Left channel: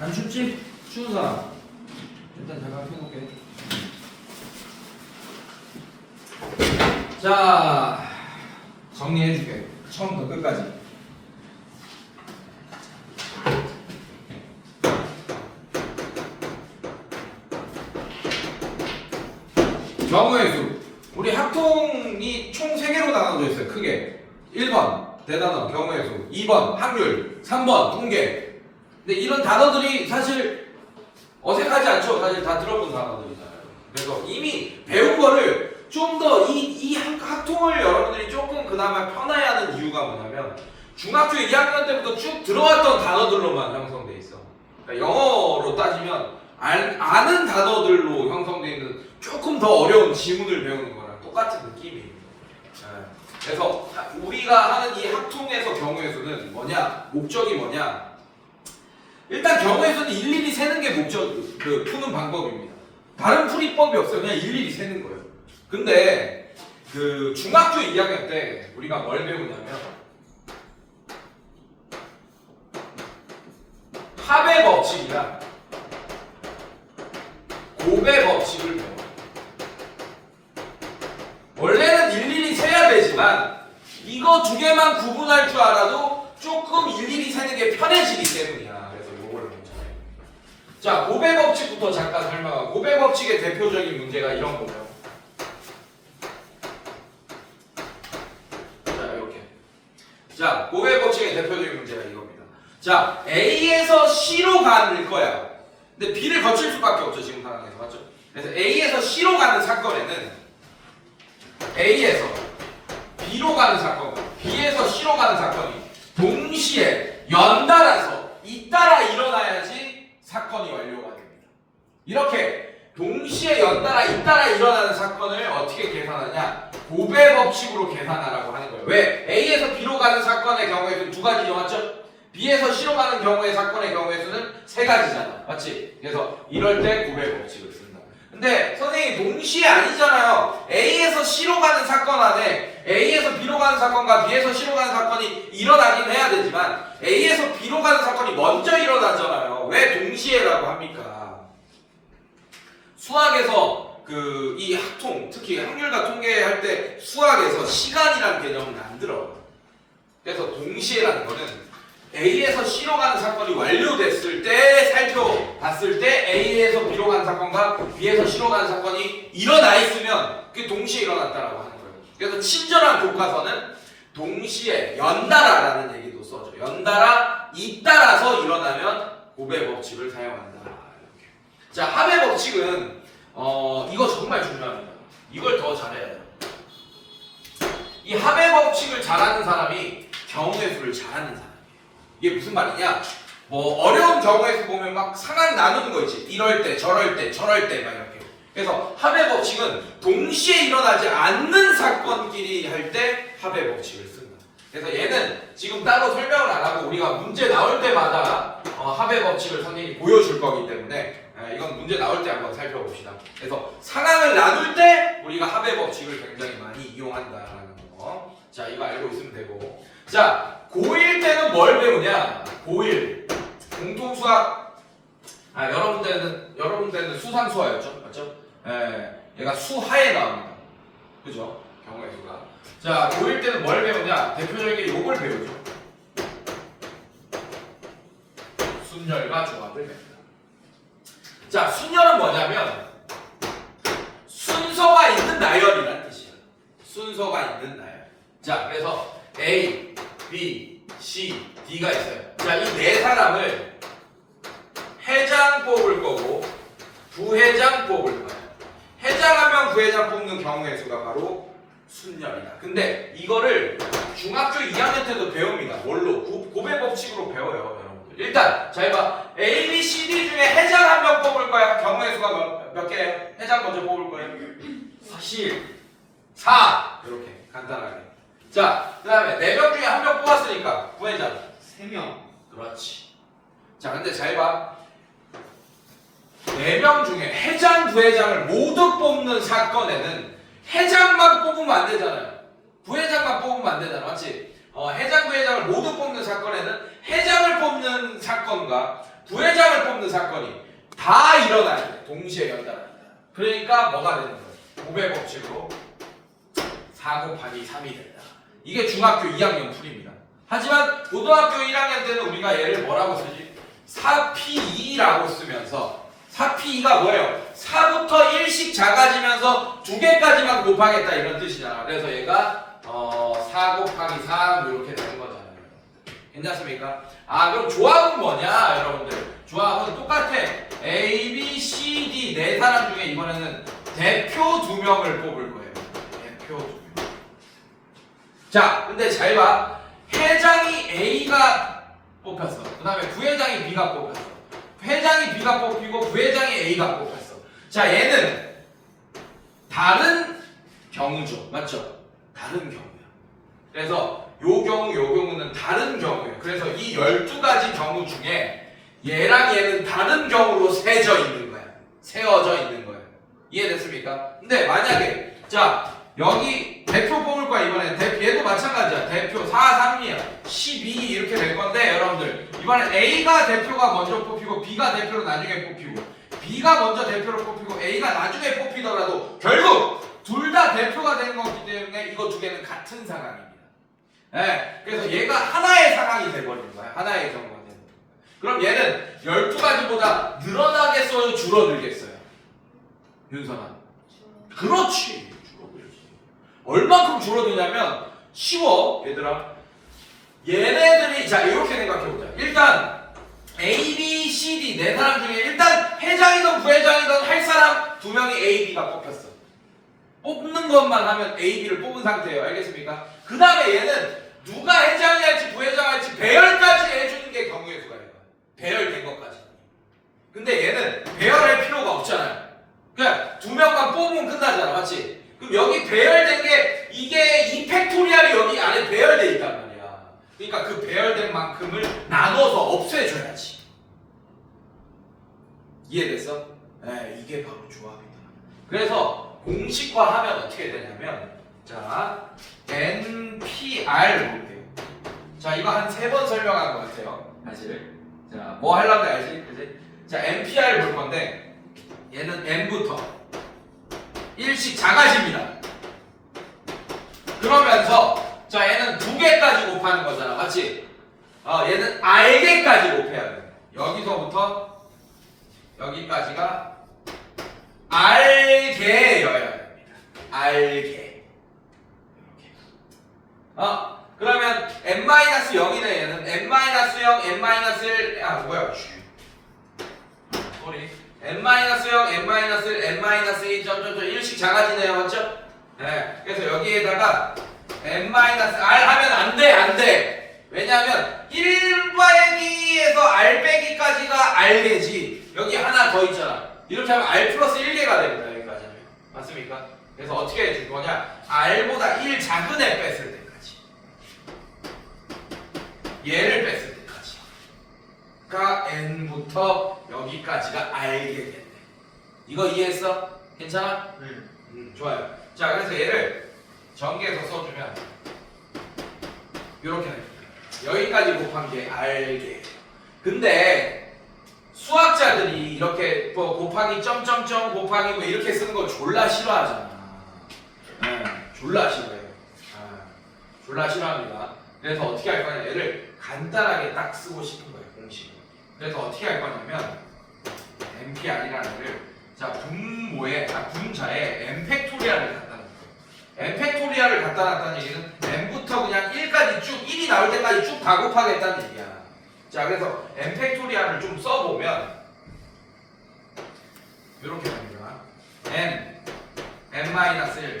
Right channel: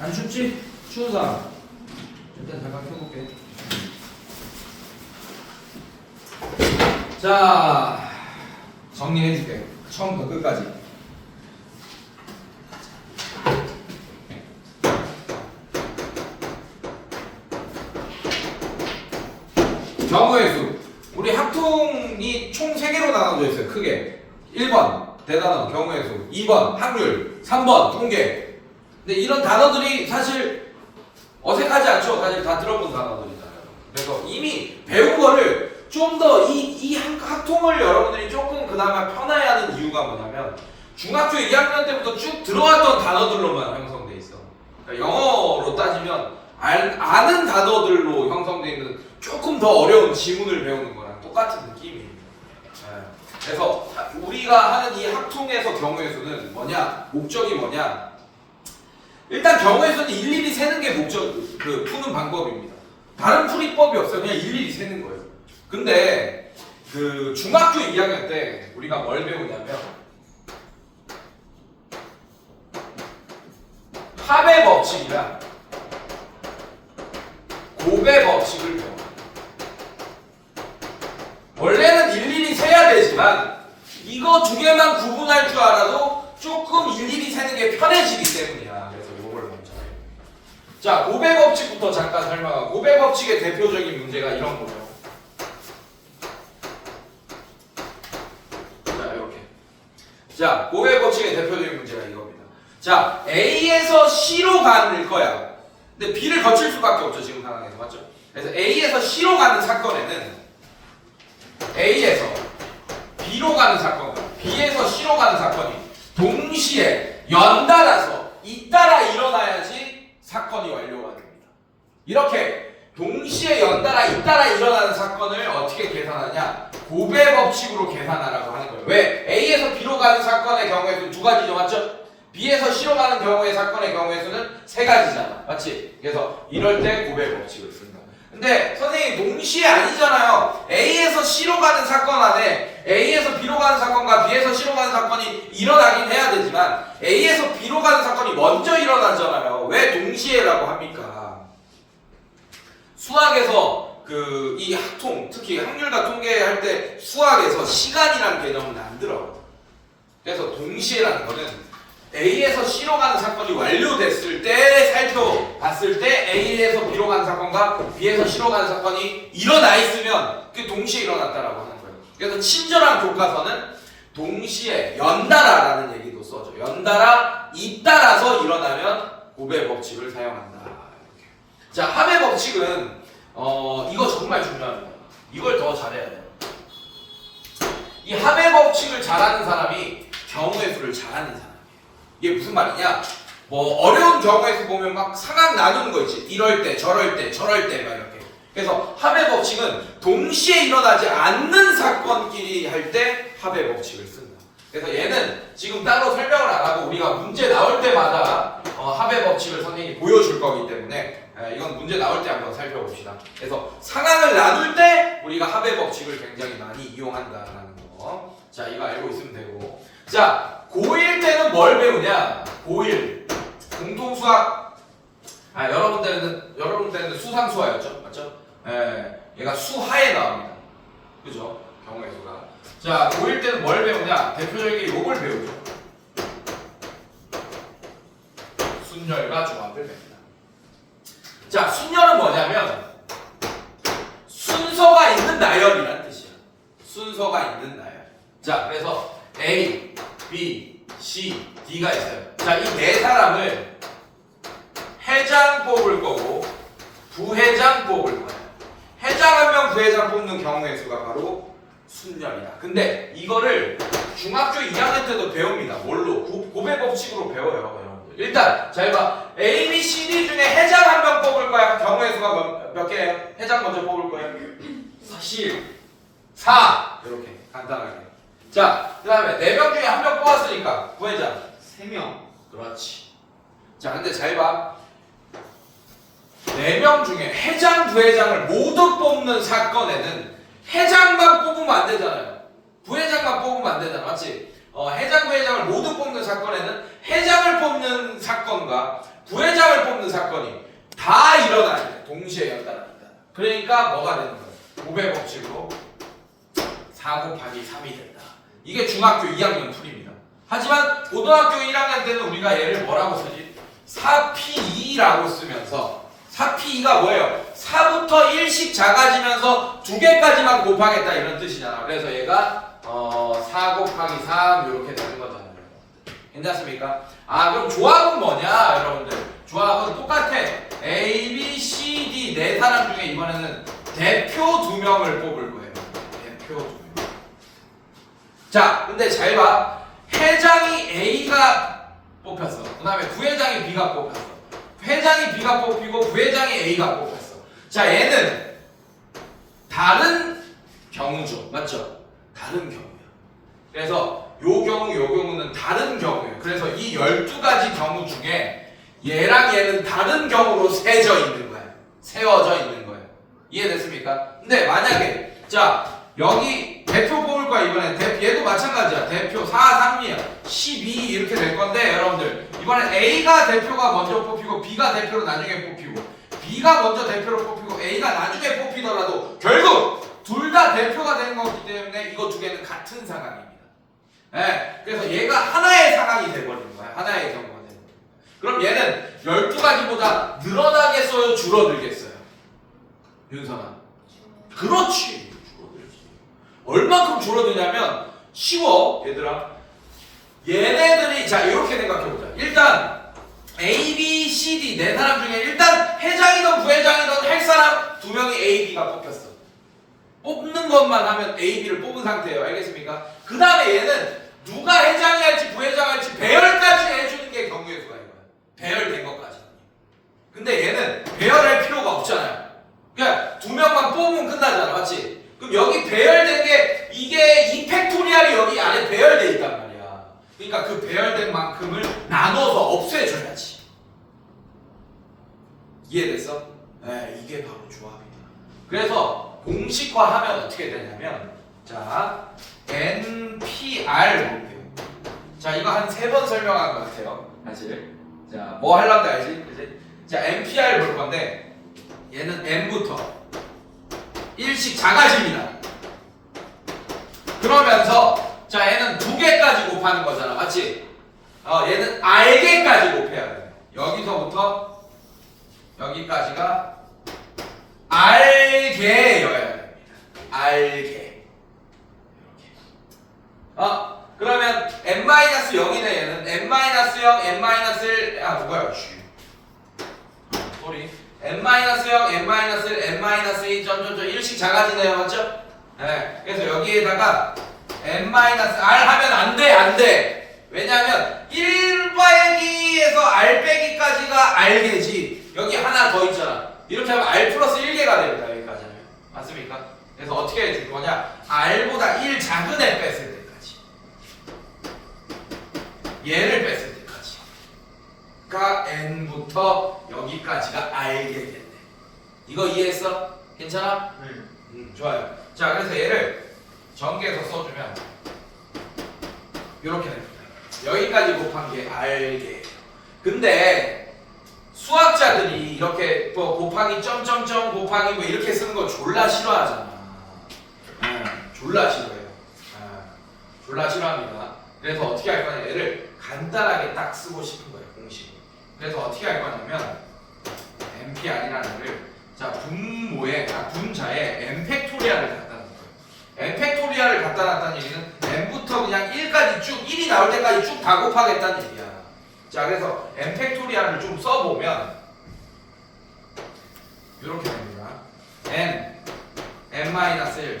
안 춥지? 추운 사람. 일단 잠깐 펴놓게. 자, 정리해줄게. 처음부터 끝까지. 경우의 수. 우리 합통이 총 3개로 나눠져 있어요. 크게. 1번 대단원 경우의 수, 2번 확률, 3번 통계. 근데 이런 단어들이 사실 어색하지 않죠? 사실 다 들어본 단어들이잖아요. 그래서 이미 배운 거를 좀 더 이 학통을 여러분들이 조금 그나마 편하게 하는 이유가 뭐냐면 중학교 2학년 때부터 쭉 들어왔던 단어들로만 형성돼 있어. 그러니까 영어로 따지면 아는 단어들로 형성돼 있는 조금 더 어려운 지문을 배우는 거랑 똑같은 느낌이에요. 그래서 우리가 하는 이 학통에서 경우의 수는 뭐냐? 목적이 뭐냐? 일단 경우의 수는 일일이 세는 게 목적, 푸는 방법입니다. 다른 풀이법이 없어요. 그냥 일일이 세는 거예요. 근데 중학교 2학년 때 우리가 뭘 배우냐면 합의 법칙이랑 곱의 법칙을 배워요. 원래는 일일이 세야 되지만 이거 두 개만 구분할 줄 알아도 조금 일일이 세는 게 편해지기 때문이야. 그래서 이걸 먼저 해요. 자, 곱의 법칙부터 잠깐 설명하고, 곱의 법칙의 대표적인 문제가 이런 거예요. 자, 이렇게. 자, 곱의 법칙의 대표적인 문제가 이겁니다. 자, A에서 C로 가는 거야. 근데 B를 거칠 수밖에 없죠, 지금 상황에서. 맞죠? 그래서 A에서 C로 가는 사건에는 A에서 B로 가는 사건과 B에서 C로 가는 사건이 동시에 연달아서 잇따라 일어나야지 사건이 완료가 됩니다. 이렇게 동시에 연달아 잇따라 일어나는 사건을 어떻게 계산하냐? 곱의 법칙으로 계산하라고 하는 거예요. 왜? A에서 B로 가는 사건의 경우에는 두 가지죠, 맞죠? B에서 C로 가는 경우의 사건의 경우의 수는 3가지잖아, 맞지? 그래서 이럴 때 곱의 법칙을 쓴다. 근데 선생님 동시에 아니잖아요. A에서 C로 가는 사건 안에 A에서 B로 가는 사건과 B에서 C로 가는 사건이 일어나긴 해야 되지만 A에서 B로 가는 사건이 먼저 일어나잖아요. 왜 동시에라고 합니까? 수학에서 이 학통, 특히 확률과 통계할 때 수학에서 시간이라는 개념은 안 들어요. 그래서 동시에라는 거는 A에서 C로 가는 사건이 완료됐을 때 살펴봤을 때 A에서 B로 가는 사건과 B에서 C로 가는 사건이 일어나 있으면 그게 동시에 일어났다라고 하는 거예요. 그래서 친절한 교과서는 동시에 연달아라는 얘기도 써줘. 연달아 잇따라서 일어나면 곱의 법칙을 사용한다. 이렇게. 자, 합의 법칙은 이거 정말 중요합니다. 이걸 더 잘해야 돼요. 이 합의 법칙을 잘하는 사람이 경우의 수를 잘하는 사람. 이게 무슨 말이냐? 뭐 어려운 경우에서 보면 막 상황 나누는 거 있지. 이럴 때, 저럴 때, 저럴 때 막 이렇게. 그래서 합의 법칙은 동시에 일어나지 않는 사건끼리 할 때 합의 법칙을 쓴다. 그래서 얘는 지금 따로 설명을 안 하고 우리가 문제 나올 때마다 합의 법칙을 선생님이 보여줄 거기 때문에 이건 문제 나올 때 한번 살펴봅시다. 그래서 상황을 나눌 때 우리가 합의 법칙을 굉장히 많이 이용한다라는 거. 자, 이거 알고 있으면 되고. 자, 고1 때는 뭘 배우냐? 고1 공통수학. 여러분들은 수상수화였죠, 맞죠? 얘가 수하에 나옵니다. 그죠? 경우의 수가. 자, 고1 때는 뭘 배우냐? 대표적인 게 요걸 배우죠. 순열과 조합을 냅니다. 자, 순열은 뭐냐면 순서가 있는 나열이란 뜻이야. 순서가 있는 나열. 자, 그래서 A, B, C, D가 있어요. 자, 이 네 사람을 회장 뽑을 거고 부회장 뽑을 거예요. 회장 한 명, 부회장 뽑는 경우의 수가 바로 순열이다. 근데 이거를 중학교 2학년 때도 배웁니다. 뭘로? 곱의 법칙으로 배워요, 여러분들. 일단 자, 이봐. A, B, C, D 중에 회장 한 명 뽑을 거야. 경우의 수가 몇 개예요? 회장 먼저 뽑을 거예요. 사실 4. 이렇게 간단하게. 자, 그 다음에 4명 중에 한 명 뽑았으니까 부회장 3명. 그렇지. 자, 근데 잘 봐. 4명 중에 회장, 부회장을 모두 뽑는 사건에는 회장만 뽑으면 안 되잖아요. 부회장만 뽑으면 안 되잖아. 맞지? 회장, 부회장을 모두 뽑는 사건에는 회장을 뽑는 사건과 부회장을 뽑는 사건이 다 일어나야 돼. 동시에 연달아다. 그러니까 뭐가 되는 거예요? 고배 법칙으로 4 곱하기 3이 된다. 이게 중학교 2학년 풀입니다. 하지만 고등학교 1학년 때는 우리가 얘를 뭐라고 쓰지? 4P2라고 쓰면서 4P2가 뭐예요? 4부터 1씩 작아지면서 2개까지만 곱하겠다 이런 뜻이잖아. 그래서 얘가 4 곱하기 3 이렇게 되는 거잖아요. 괜찮습니까? 아 그럼 조합은 뭐냐 여러분들? 조합은 똑같아. A, B, C, D 네 사람 중에 이번에는 대표 2명을 뽑을 거예요. 대표 2명. 자 근데 잘 봐. 회장이 A가 뽑혔어. 그 다음에 부회장이 B가 뽑혔어. 회장이 B가 뽑히고 부회장이 A가 뽑혔어. 자 얘는 다른 경우죠. 맞죠? 다른 경우야. 그래서 요 경우는 다른 경우예요. 그래서 이 12가지 경우 중에 얘랑 얘는 다른 경우로 세워져 있는 거예요. 이해됐습니까? 근데 만약에 자 여기 대표 뽑을 거야 이번에. 얘도 마찬가지야. 대표 4, 3이야. 12 이렇게 될 건데 여러분들 이번엔 A가 대표가 먼저 뽑히고 B가 대표로 나중에 뽑히고 B가 먼저 대표로 뽑히고 A가 나중에 뽑히더라도 결국 둘 다 대표가 되는 거기 때문에 이거 두 개는 같은 상황입니다. 네, 그래서 얘가 하나의 상황이 돼버리는 거야. 하나의 경우가 되는 거야. 그럼 얘는 12가지보다 늘어나겠어요? 줄어들겠어요? 윤선아. 그렇지. 줄어들지. 얼만큼 줄어드냐면 쉬워 얘들아. 얘네들이 자 이렇게 생각해보자. 일단 A, B, C, D 네 사람 중에 일단 회장이든 부회장이든 할 사람 2명이 A, B가 뽑혔어. 뽑는 것만 하면 A, B를 뽑은 상태예요. 알겠습니까? 그 다음에 얘는 누가 회장이 할지 부회장 할지 배열까지 해주는 게 경우의 수가 있는 거야. 배열된 것까지. 근데 얘는 배열할 필요가 없잖아요. 그냥 2명만 뽑으면 끝나잖아. 맞지? 그럼 여기 배열된 게 이게 이 팩토리얼이 여기 안에 배열돼 있단 말이야. 그러니까 그 배열된 만큼을 나눠서 없애줘야지. 이해됐어? 네, 이게 바로 조합이다. 그래서 공식화하면 어떻게 되냐면 자 NPR 볼게요. 자 이거 한 3번 설명한 것 같아요. 사실 자 뭐 하려는지 알지? 그치? 자 NPR 볼 건데 얘는 N부터 1씩 작아집니다. 그러면서 자 얘는 2개까지 곱하는 거잖아. 맞지? 얘는 R개까지 곱해야 돼. 여기서부터 여기까지가 R개여야 됩니다. R개. 그러면 n-0이네 얘는. n-0, n-1, 뭐야? 소리. n-0, n-1, n-2, 점점점 1씩 작아지네요. 맞죠? 네. 그래서 여기에다가 n-r 하면 안 돼. 왜냐면 1 빼기에서 r 빼기까지가 r개지. 여기 하나 더 있잖아. 이렇게 하면 r 플러스 1개가 됩니다. 여기까지는. 맞습니까? 그래서 어떻게 해줄 거냐? r보다 1 작은 애 뺐을 때까지. 얘를 뺐을 때까지가 n부터 여기까지가 r개겠네. 이거 이해했어? 괜찮아? 좋아요. 자, 그래서 얘를 전개해서 써주면 이렇게 됩니다. 여기까지 곱한 게 r개예요. 근데 수학자들이 이렇게 뭐 곱하기 점점점 곱하기 뭐 이렇게 쓰는 거 졸라 싫어하잖아. 졸라 싫어해요. 졸라 싫어합니다. 그래서 어떻게 할 거냐, 얘를 간단하게 딱 쓰고 싶은 거예요, 공식을. 그래서 어떻게 할 거냐면 NPR이라는 거를 자 분자에 n팩토리얼을 갖다 놓을 거예요. n팩토리얼을 갖다 놨다는 얘기는 n부터 그냥 1까지 쭉 1이 나올 때까지 쭉 다 곱하겠다는 얘기야. 자, 그래서 n팩토리얼을 좀 써보면 이렇게 됩니다. n-1,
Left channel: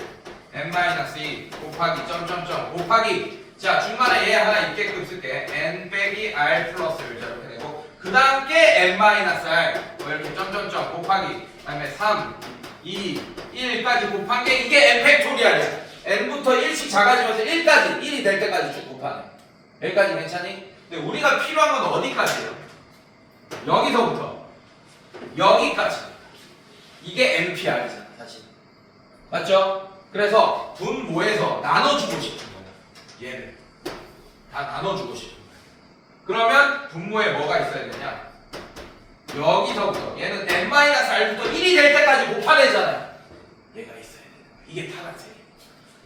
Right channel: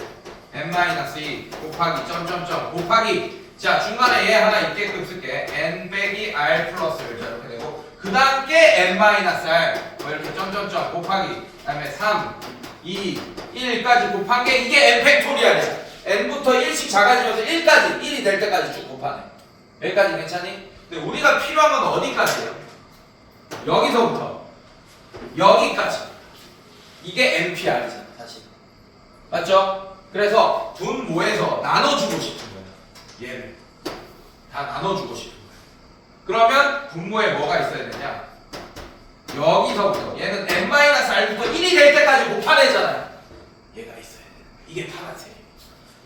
n-2 곱하기 점점점 곱하기 자 중간에 얘 하나 있게끔 쓸게. n 빼기 r 플러스 이렇게 되고 그 다음 게 n-r 뭐 이렇게 점점점 곱하기 그 다음에 3, 2, 1까지 곱한 게 이게 n팩토리얼이야. n부터 1씩 작아지면서 1까지 1이 될 때까지 쭉 곱하네. 여기까지 괜찮니? 근데 우리가 필요한 건 어디까지예요? 여기서부터 여기까지. 이게 NPR이잖아, 사실. 맞죠? 그래서 분모에서 나눠주고 싶은 거야. 얘를 다 나눠주고 싶은 거야. 그러면 분모에 뭐가 있어야 되냐? 여기서부터 얘는 n-r부터 1이 될 때까지 곱하래잖아요. 얘가 있어야 돼. 이게 파란색이에요.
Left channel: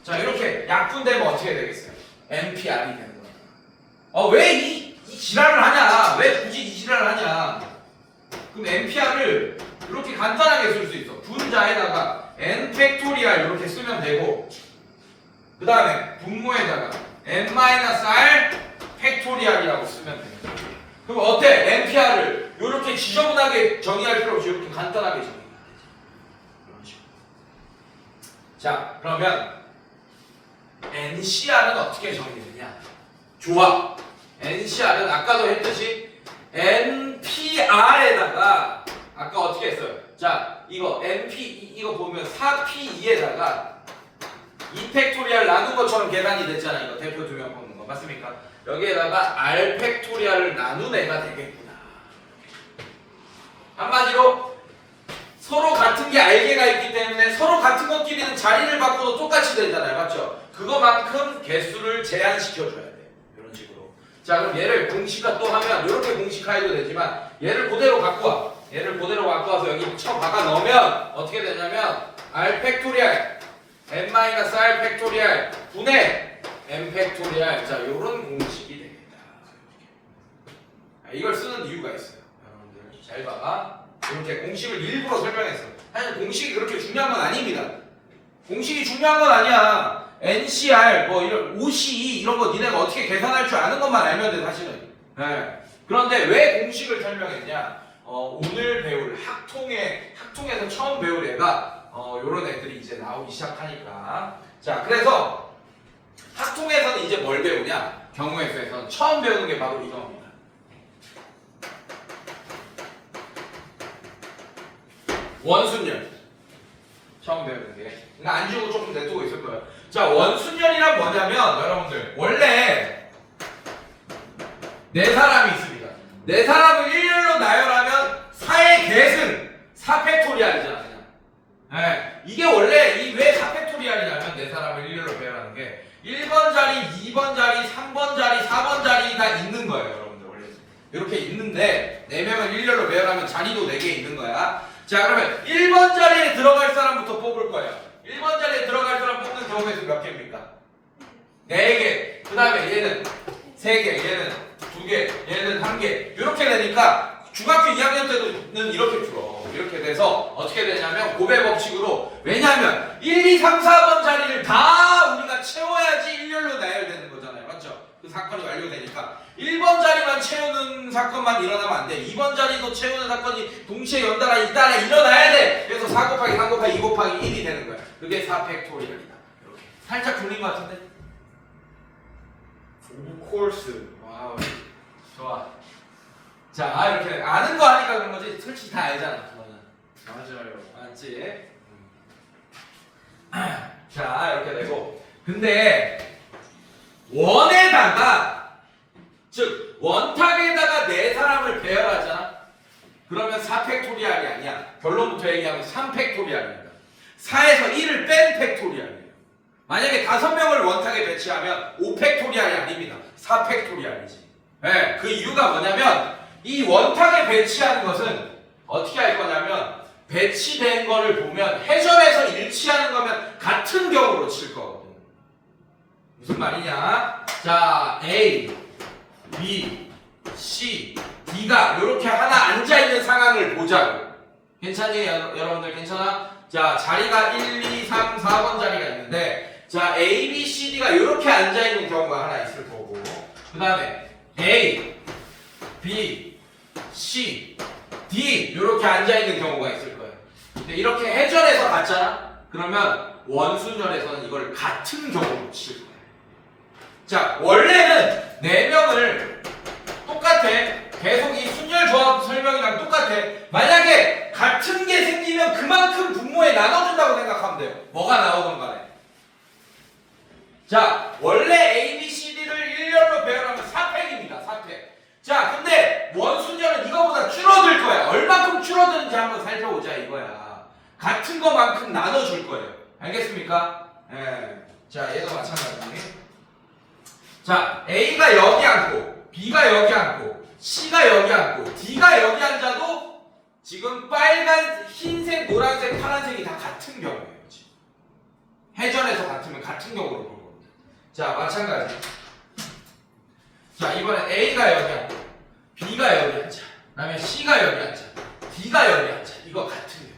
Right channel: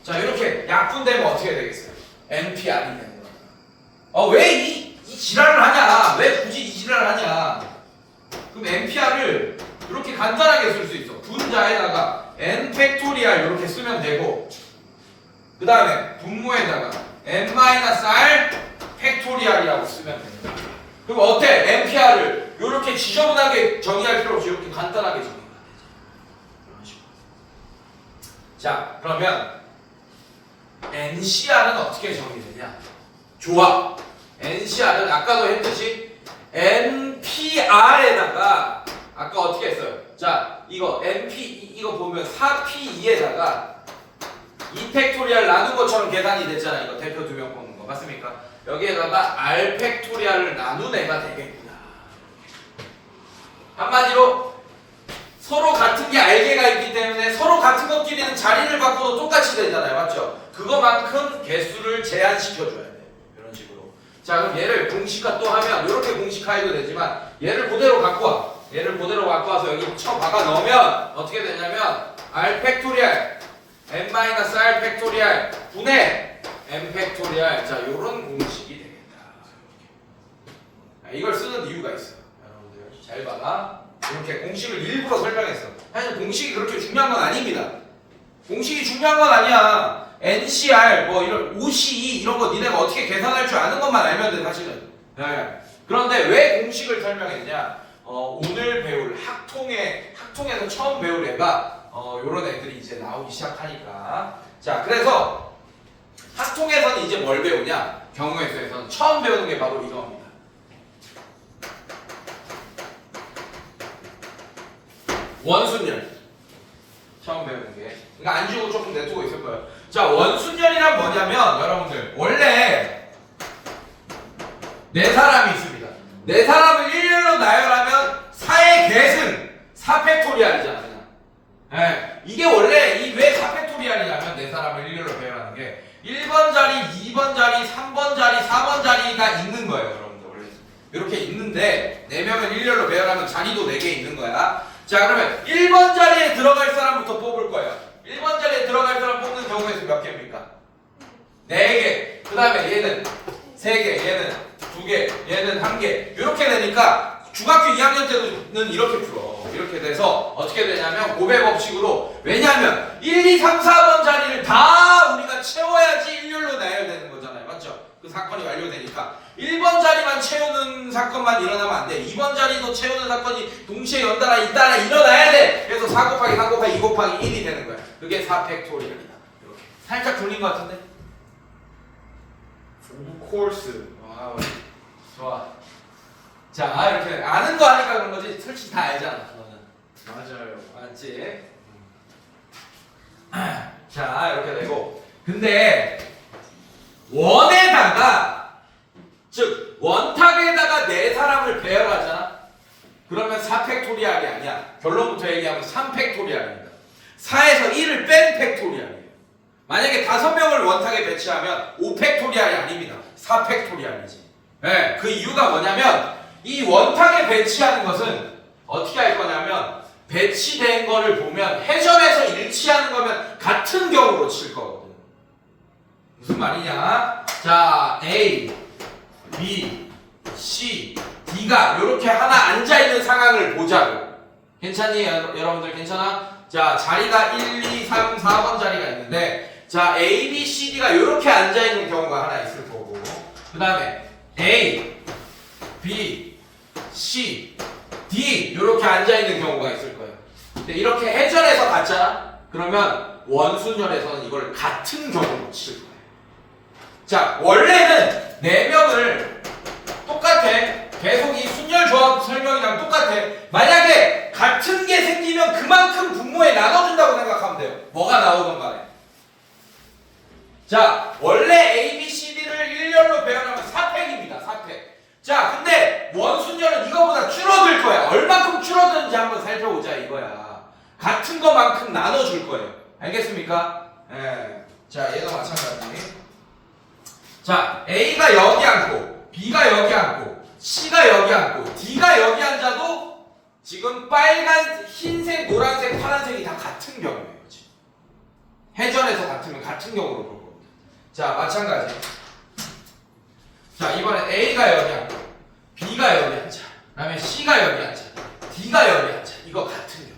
자, 이렇게 약분되면 어떻게 되겠어요? npr이 되는 거야. 왜 이 지랄을 하냐? 왜 굳이 이 지랄을 하냐? 그럼 npr을 이렇게 간단하게 쓸 수 있어. 분자에다가 n 팩토리알 이렇게 쓰면 되고, 그 다음에 분모에다가 n-r 팩토리알이라고 쓰면 돼요. 그럼 어때? npr를 이렇게 지저분하게 정의할 필요 없이 이렇게 간단하게 정의하면 되죠. 이런 식으로. 자, 그러면 ncr은 어떻게 정의되냐? 좋아. ncr은 아까도 했듯이 npr에다가 아까 어떻게 했어요? 자, 이거 np 이거 보면 4p2에다가 2팩토리알 나눈 것처럼 계산이 됐잖아. 이거 대표 두 명 뽑는 거 맞습니까? 여기에다가 r 팩토리알을 나눈 애가 되겠구나. 한마디로 서로 같은 게 r개가 있기 때문에 서로 같은 것끼리는 자리를 바꿔도 똑같이 되잖아요. 맞죠? 그거만큼 개수를 제한시켜줘야 돼. 이런 식으로. 자, 그럼 얘를 공식화 또 하면 이렇게 공식화해도 되지만 얘를 그대로 갖고 와. 얘를 그대로 갖고 와서 여기 쳐 박아 넣으면 어떻게 되냐면 r 팩토리알 n-r 팩토리알 분의 n 팩토리알. 자, 요런 공식이 되겠다. 이걸 쓰는 이유가 있어요. 여러분들 잘 봐봐. 이렇게 공식을 일부러 설명했어. 사실 공식이 그렇게 중요한 건 아닙니다. 공식이 중요한 건 아니야. NCR 뭐 이런 OCE 이런 거 니네가 어떻게 계산할 줄 아는 것만 알면 돼 사실은. 네. 그런데 왜 공식을 설명했냐? 오늘 배울 학통에서 처음 배울 애가 요런 애들이 이제 나오기 시작하니까. 자, 그래서 학통에서는 이제 뭘 배우냐? 경우의 수에서는 처음 배우는 게 바로 이겁니다. 원순열. 처음 배우는 게. 그러니까 안 주고 조금 내두고 있을 거예요. 자, 원순열이란 뭐냐면 여러분들 원래 네 사람이 있습니다. 네 사람을 일렬로 나열하면 4의 계승 4팩토리알이잖아요. 네. 이게 원래 왜 4팩토리알이냐면 네 사람을 일렬로 배열하는 게 1번 자리, 2번 자리, 3번 자리, 4번 자리가 있는 거예요. 여러분들 원래 이렇게 있는데 4명을 일렬로 배열하면 자리도 4개 있는 거야. 자, 그러면 1번 자리에 들어갈 사람부터 뽑을 거예요. 1번 자리에 들어갈 사람 뽑는 경우의 수 몇 개입니까? 4개. 그 다음에 얘는 3개, 얘는 2개, 얘는 1개. 이렇게 되니까 중학교 2학년 때는 이렇게 풀어. 이렇게 돼서 어떻게 되냐면 고배 법칙으로. 왜냐면 1, 2, 3, 4번 자리를 다 우리가 채워야지 일렬로 나열되는 거잖아요. 맞죠? 그 사건이 완료되니까 1번 자리만 채우는 사건만 일어나면 안 돼. 2번 자리도 채우는 사건이 동시에 연달아 잇따라 일어나야 돼. 그래서 4 곱하기 3 곱하기 2 곱하기 1이 되는 거야. 그게 4팩토리얼이다. 이렇게 살짝 굴린 것 같은데? 오브콜스. 와우, 좋아. 자, 이렇게 아는 거 아니까 그런 거지. 솔직히 다 알잖아. 너는. 맞아요. 알지? 자, 이렇게 되고. 근데 원에다가, 즉 원탁에다가 네 사람을 배열하잖아. 그러면 4팩토리알이 아니야. 결론부터 얘기하면 3팩토리알입니다. 4에서 1을 뺀 팩토리알이에요. 만약에 5명을 원탁에 배치하면 5팩토리알이 아닙니다. 4팩토리알이지. 네, 그 이유가 뭐냐면 이 원탁에 배치하는 것은 어떻게 할 거냐면 배치된 거를 보면 해점에서 일치하는 거면 같은 경우로 칠 거거든. 무슨 말이냐? 자, A, B, C, D가 이렇게 하나 앉아있는 상황을 보자고. 괜찮니? 여러분들 괜찮아? 자, 자리가 1, 2, 3, 4번 자리가 있는데 자, A, B, C, D가 이렇게 앉아있는 경우가 하나 있을 거고 그 다음에 A, B, C, D 이렇게 앉아있는 경우가 있을 거예요. 근데 이렇게 해전해서 같잖아? 그러면 원순열에서는 이걸 같은 경우로 칠 거예요. 자, 원래는 4명을 똑같아. 계속 이 순열 조합 설명이랑 똑같아. 만약에 같은 게 생기면 그만큼 분모에 나눠준다고 생각하면 돼요. 뭐가 나오든 간에. 자, 원래 A, B, C, D를 일렬로 배열하면 4팩입니다. 4팩. 자, 근데 원순열은 이거보다 줄어들 거야. 얼마큼 줄어드는지 한번 살펴보자 이거야. 같은 것만큼 나눠줄 거예요. 알겠습니까? 예. 자, 얘도 마찬가지. 자, A가 여기 앉고 B가 여기 앉고 C가 여기 앉고 D가 여기 앉아도 지금 빨간, 흰색, 노란색, 파란색이 다 같은 경우예요. 해전에서 같으면 같은 경우로 볼 겁니다. 자, 마찬가지. 자, 이번엔 A가 여기 앉아, B가 여기 앉아, 그 다음에 C가 여기 앉아, D가 여기 앉아. 이거 같은 경우예요.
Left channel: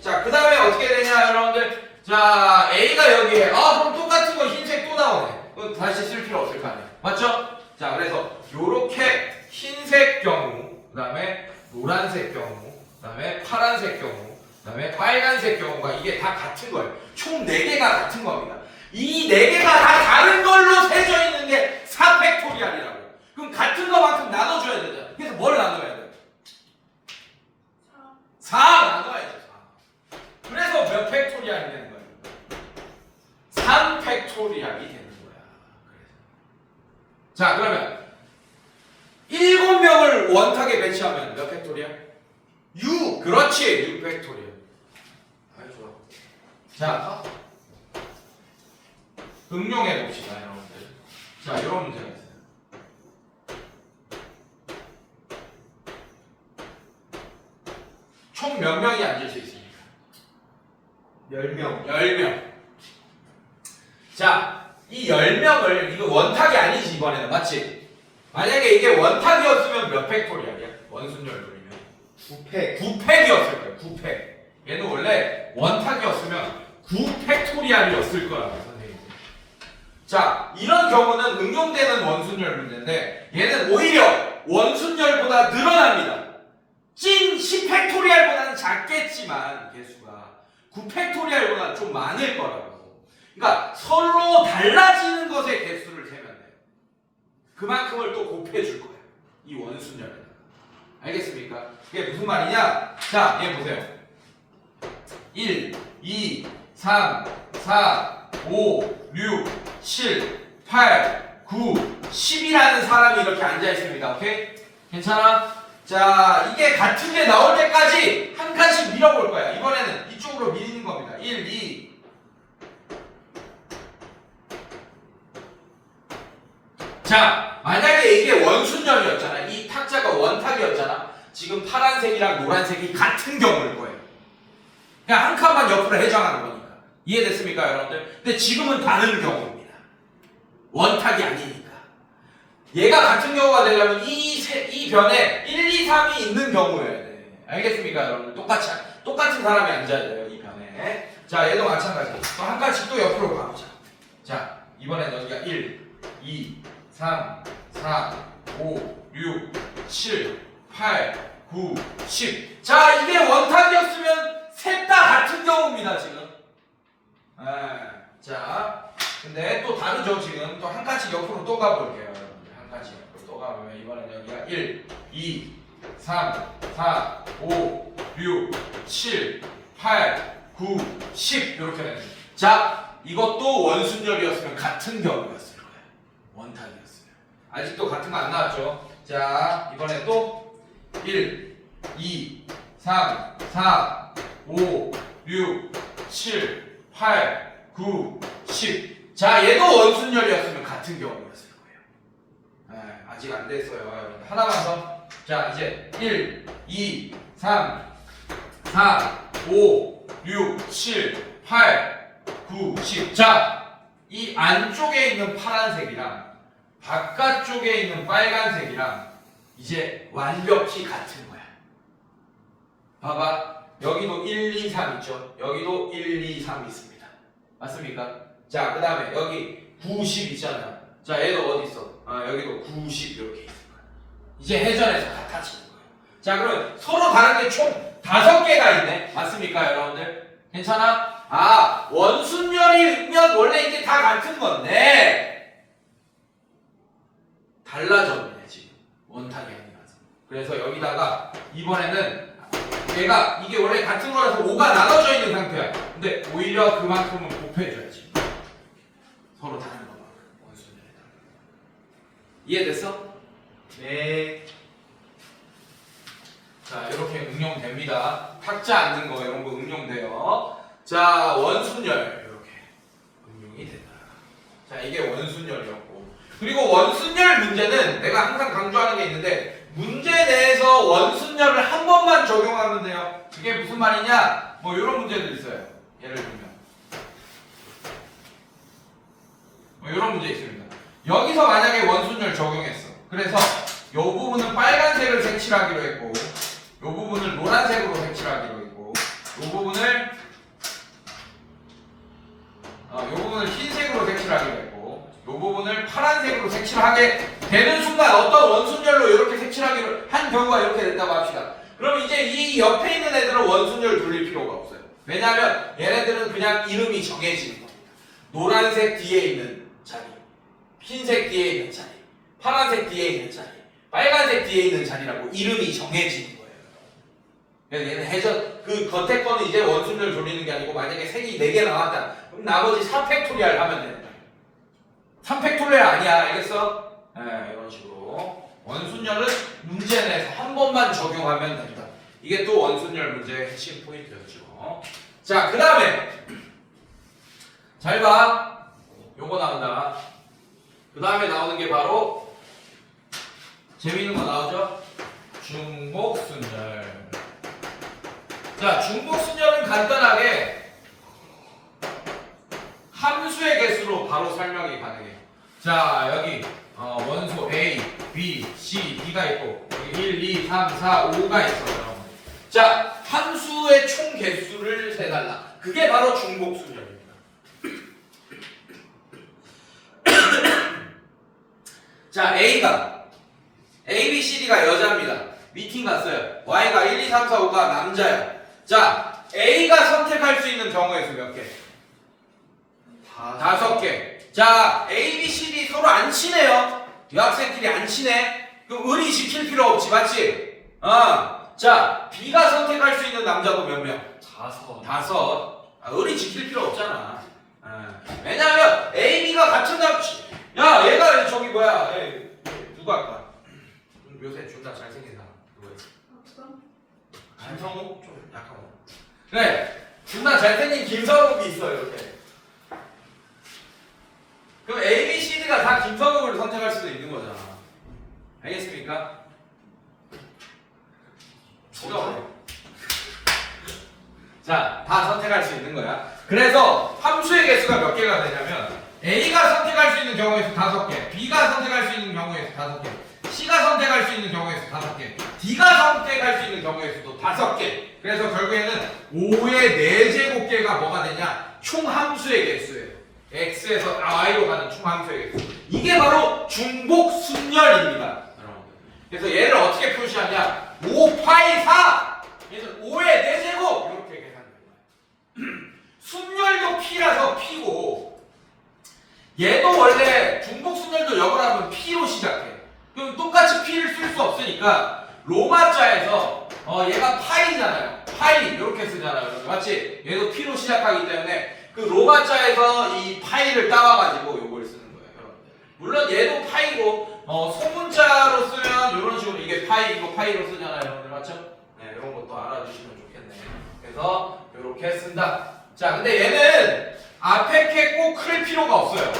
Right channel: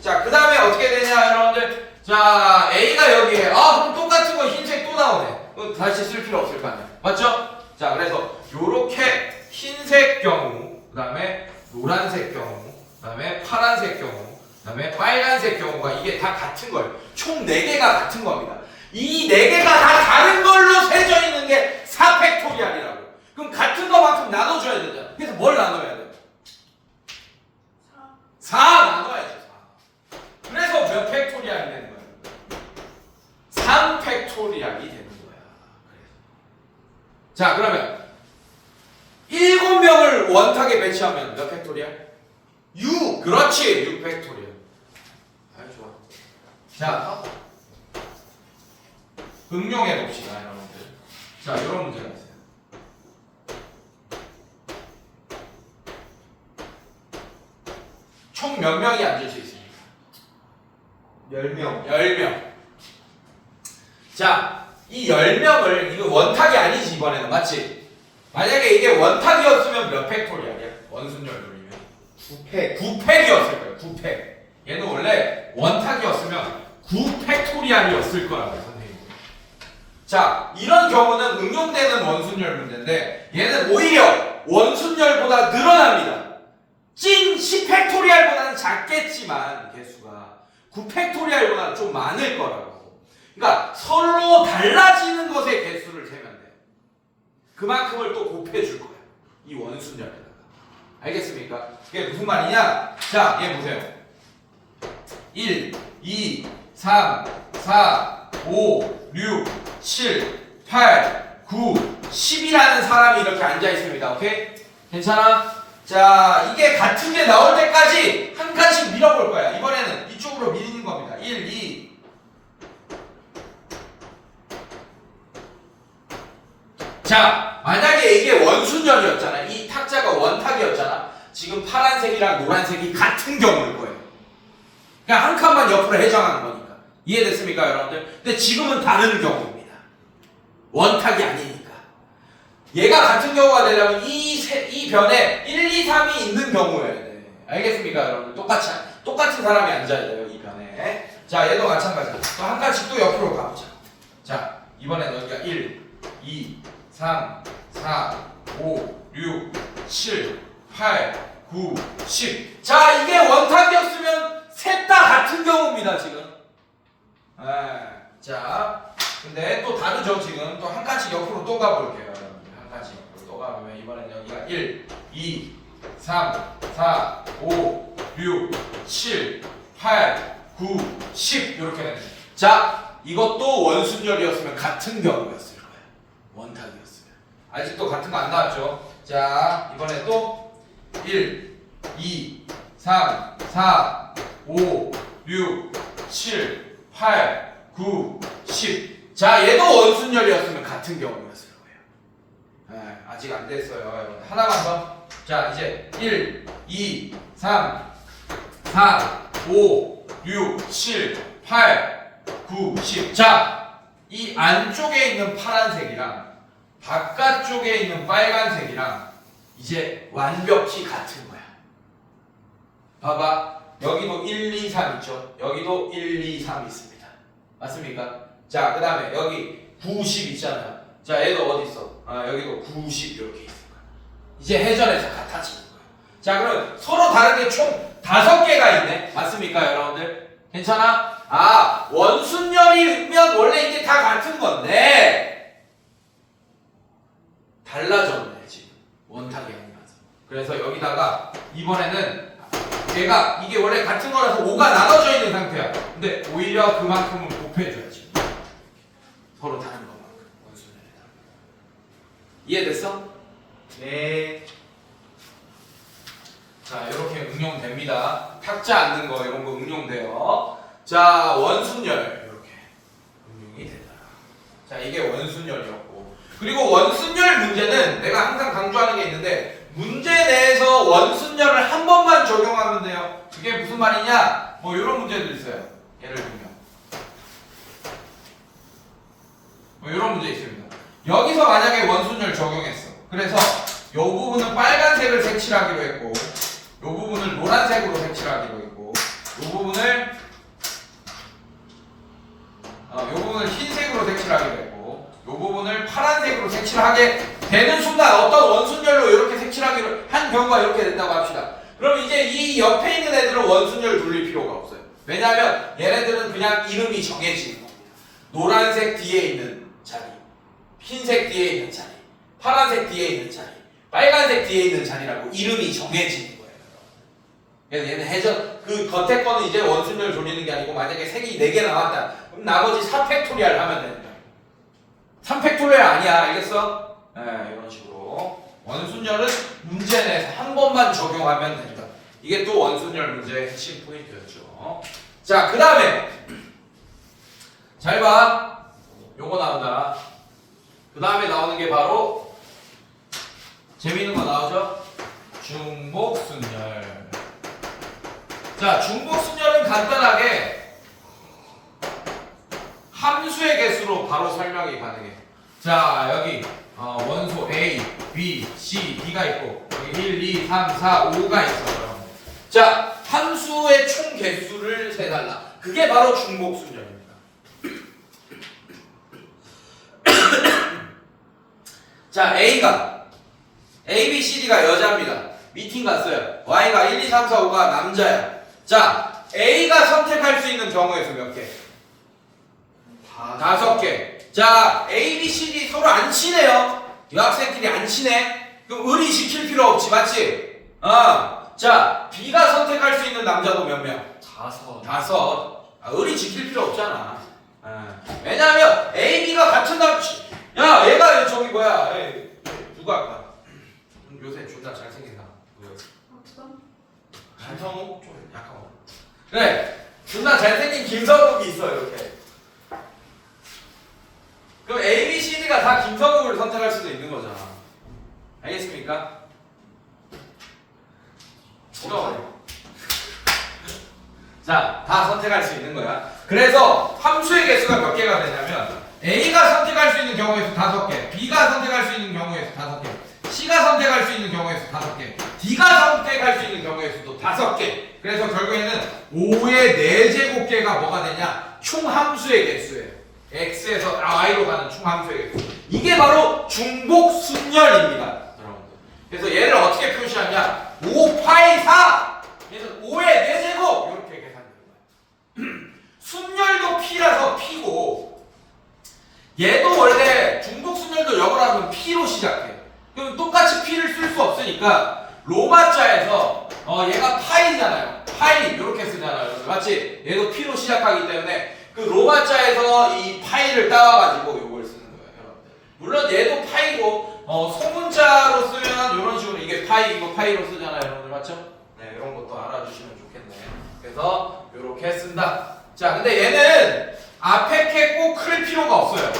자, 그 다음에 어떻게 되냐, 여러분들. 자, A가 여기에, 그럼 똑같은 거 흰색 또 나오네. 그럼 다시 쓸 필요 없을 거 아니야. 맞죠? 자, 그래서 요렇게 흰색 경우, 그 다음에 노란색 경우, 그 다음에 파란색 경우, 그 다음에 빨간색 경우가 이게 다 같은 거예요. 총 4개가 같은 겁니다. 이 4개가 다 다른 걸로 세져 있는 게 4팩토리알이라고. 그럼 같은 거만큼 나눠줘야 되잖아. 그래서 뭘 나눠야 돼? 4 나눠야죠. 4. 그래서 몇 팩토리알이 되는 거예요? 3팩토리알이 되는 거야. 자, 그러면 7명을 원탁에 배치하면 몇 팩토리알? 6! 그렇지! 6팩토리알. 아이, 좋아. 자, 응용해 봅시다, 여러분들. 자, 이런 문제가 있어요. 총 몇 명이 앉을 수 있습니까? 10명. 10명. 자, 이 10명을, 이거 원탁이 아니지, 이번에는. 맞지? 만약에 이게 원탁이었으면 몇 팩토리알이야? 원순열분이면 9팩. 9팩이었을 거예요. 9팩. 얘는 원래 원탁이었으면 9팩토리알이었을 거라고 선생님. 자, 이런 경우는 응용되는 원순열 문제인데 얘는 오히려 원순열보다 늘어납니다. 찐 10팩토리알보다는 작겠지만 개수가 9팩토리알보다는 좀 많을 거라고. 그러니까 서로 달라지는 것의 개수를 세면 돼요. 그만큼을 또 곱해줄 거야. 이 원순열에다가. 알겠습니까? 그게 무슨 말이냐? 자, 얘 보세요. 1, 2, 3, 4, 5, 6, 7, 8, 9, 10이라는 사람이 이렇게 앉아 있습니다. 오케이? 괜찮아? 자, 이게 같은 게 나올 때까지 한 칸씩 밀어볼 거야. 이번에는 이쪽으로 밀리는 겁니다. 1, 2. 자, 만약에 이게 원순열이었잖아. 이 탁자가 원탁이었잖아. 지금 파란색이랑 노란색이 같은 경우일 거예요. 그냥 한 칸만 옆으로 해정하는 거니까. 이해됐습니까, 여러분들? 근데 지금은 다른 경우입니다. 원탁이 아니니까. 얘가 같은 경우가 되려면 이 변에 1, 2, 3이 있는 경우여야 돼. 알겠습니까, 여러분들? 똑같은 사람이 앉아야 돼요, 이 변에. 자, 얘도 마찬가지야. 또 한 칸씩 또 옆으로 가보자. 자, 이번엔 여기가 1, 2, 3, 4, 5, 6, 7, 8, 9, 10. 자, 이게 원탁이었으면 셋 다 같은 경우입니다, 지금. 자, 근데 또 다르죠, 지금. 또 한 칸씩 옆으로 또 가볼게요, 여러분들. 한 칸씩 옆으로 또 가보면 이번엔 여기가 1, 2, 3, 4, 5, 6, 7, 8, 9, 10 이렇게 됩니다. 자, 이것도 원순열이었으면 같은 경우였을 거예요. 원탁이었어요. 아직도 같은 거 안 나왔죠? 자, 이번에 또 1, 2, 3, 4, 5, 6, 7, 8, 9, 10. 자, 얘도 원순열이었으면 같은 경우였을 거예요. 아직 안 됐어요. 하나만 더. 자, 이제 1, 2, 3, 4, 5, 6, 7, 8, 9, 10. 자, 이 안쪽에 있는 파란색이랑 바깥쪽에 있는 빨간색이랑 이제 완벽히 같은 거야. 봐봐. 여기도 1, 2, 3 있죠? 여기도 1, 2, 3 있습니다. 맞습니까? 자, 그 다음에 여기 90 있잖아요. 자, 얘도 어디 있어? 여기도 90 이렇게 있을 거야. 이제 해전에서 같아지는 거예요. 자, 그럼 서로 다른 게 총 5개가 있네. 맞습니까, 여러분들? 괜찮아? 원순열이면 원래 이게 다 같은 건데 달라졌네, 지금. 원탁이 아니라서. 그래서 여기다가 이번에는 이게 원래 같은 거라서 5가 나눠져 있는 상태야. 근데 오히려 그만큼은 곱해줘야지. 서로 다른 것만큼 원순열이다. 이해됐어? 네. 자, 이렇게 응용됩니다. 탁자 앉는 거 이런 거 응용돼요. 자, 원순열 이렇게 응용이 된다. 자, 이게 원순열이었고, 그리고 원순열 문제는 내가 항상 강조하는 게 있는데 문제 내에서 원순열을 한 번만 번만 적용하면 돼요. 그게 무슨 말이냐? 뭐 이런 문제들 있어요. 예를 들면 뭐 이런 문제 있습니다. 여기서 만약에 원순열 적용했어. 그래서 이 부분은 빨간색을 색칠하기로 했고, 이 부분을 노란색으로 색칠하기로 했고, 이 부분을 흰색으로 색칠하기로 했고, 이 부분을 파란색으로 색칠하게 되는 순간 어떤 원순열로 이렇게 색칠하기로 한 경우가 이렇게 됐다고 합시다. 그럼 이제 이 옆에 있는 애들은 원순열 돌릴 필요가 없어요. 왜냐하면 얘네들은 그냥 이름이 정해지는 겁니다. 노란색 뒤에 있는 자리, 흰색 뒤에 있는 자리, 파란색 뒤에 있는 자리, 빨간색 뒤에 있는 자리라고 이름이 정해지는 거예요. 그래서 얘는 해전 그 겉에 거는 이제 원순열 돌리는 게 아니고 만약에 색이 4개 나왔다. 그럼 나머지 3팩토리얼 하면 됩니다. 3팩토리얼 아니야, 알겠어? 네, 이런 식으로 원순열은 문제 내서 한 번만 적용하면 됩니다. 이게 또 원순열 문제의 핵심 포인트였죠. 자, 그 다음에 잘 봐. 요거 나온다. 그 다음에 나오는 게 바로 재미있는 거 나오죠? 중복순열. 자, 중복순열은 간단하게 함수의 개수로 바로 설명이 가능해요. 자, 여기 원소 A, B, C, D가 있고 여기 1, 2, 3, 4, 5가 있어요. 자, 함수의 총 개수를 세달라. 그게 바로 중복순열입니다. 자, A가 A, B, C, D가 여자입니다. 미팅 갔어요. Y가 1, 2, 3, 4, 5가 남자야. 자, A가 선택할 수 있는 경우의 수 몇 개? 5개. 자, A, B, C, D 서로 안 친해요. 여학생끼리 안 친해. 그럼 의리 지킬 필요 없지, 맞지? 자, B가 선택할 수 있는 남자도 몇 명? 5. 의리 지킬 필요 없잖아. 왜냐하면 A, B가 같은 야, 얘가 저기 뭐야? 누가 아까? 요새 존나 잘생긴 사람. 누구였어? 김성욱? 좀 약한 거. 그래, 존나 잘생긴 김성욱이 있어 이렇게. 그럼 A, B, C, D가 다 김성욱을 선택할 수도 있는 거잖아. 알겠습니까? 자, 다 선택할 수 있는 거야. 그래서 함수의 개수가 몇 개가 되냐면 A가 선택할 수 있는 경우의 수 5개, B가 선택할 수 있는 경우의 수 5개, C가 선택할 수 있는 경우의 수 5개, D가 선택할 수 있는 경우의 수도 5개. 그래서 결국에는 5의 4제곱개가 뭐가 되냐? 총함수의 개수예요. X에서 Y로 가는 총함수의 개수. 이게 바로 중복순열입니다. 그래서 얘를 어떻게 표시하냐? 5파이 4! 얘는 5의 4제곱! 이렇게 계산됩니다. 순열도 P라서 P고, 얘도 원래 중복순열도 역을 하면 P로 시작해. 그럼 똑같이 P를 쓸 수 없으니까 로마자에서 얘가 파이잖아요. 파이 이렇게 쓰잖아요. 맞지? 얘도 P로 시작하기 때문에 그 로마자에서 이 파이를 따와가지고 요걸 쓰는 거예요, 여러분들. 물론 얘도 파이고 소문자로 쓰면 이런 식으로 이게 파이 이거 파이로 쓰잖아요, 여러분들. 맞죠? 네, 이런 것도 알아주시면 좋겠네. 그래서 이렇게 쓴다. 자, 근데 얘는 앞에 캐 꼭 클 필요가 없어요.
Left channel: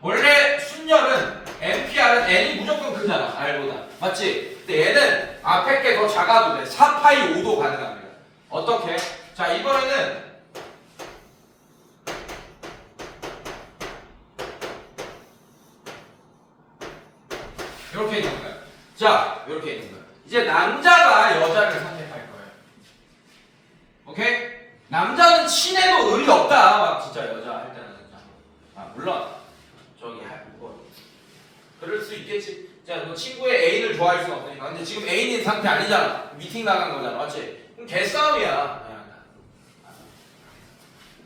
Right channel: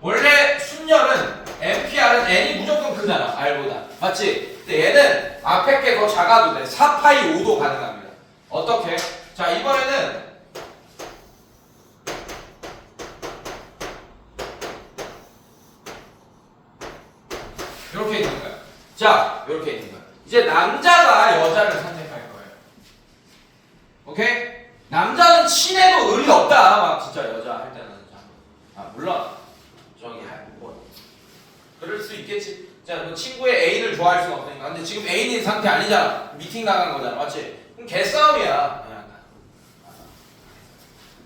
원래 순열은 NPR은 N이 무조건 크잖아, R보다. 맞지? 근데 얘는 앞에 게 더 작아도 돼. 4파이 5도 가능합니다. 어떻게? 자, 이번에는 이렇게 있는 거야. 자, 이렇게 있는 거야. 이제 남자가 여자를 선택할 거예요. 오케이? 남자는 친해도 의리 없다. 막 진짜 여자 할 때는 진짜. 물론 저기 뭐 그럴 수 있겠지. 자, 뭐 친구의 애인을 좋아할 수는 없으니까. 근데 지금 애인인 상태 아니잖아. 미팅 나간 거잖아, 맞지? 그럼 개싸움이야.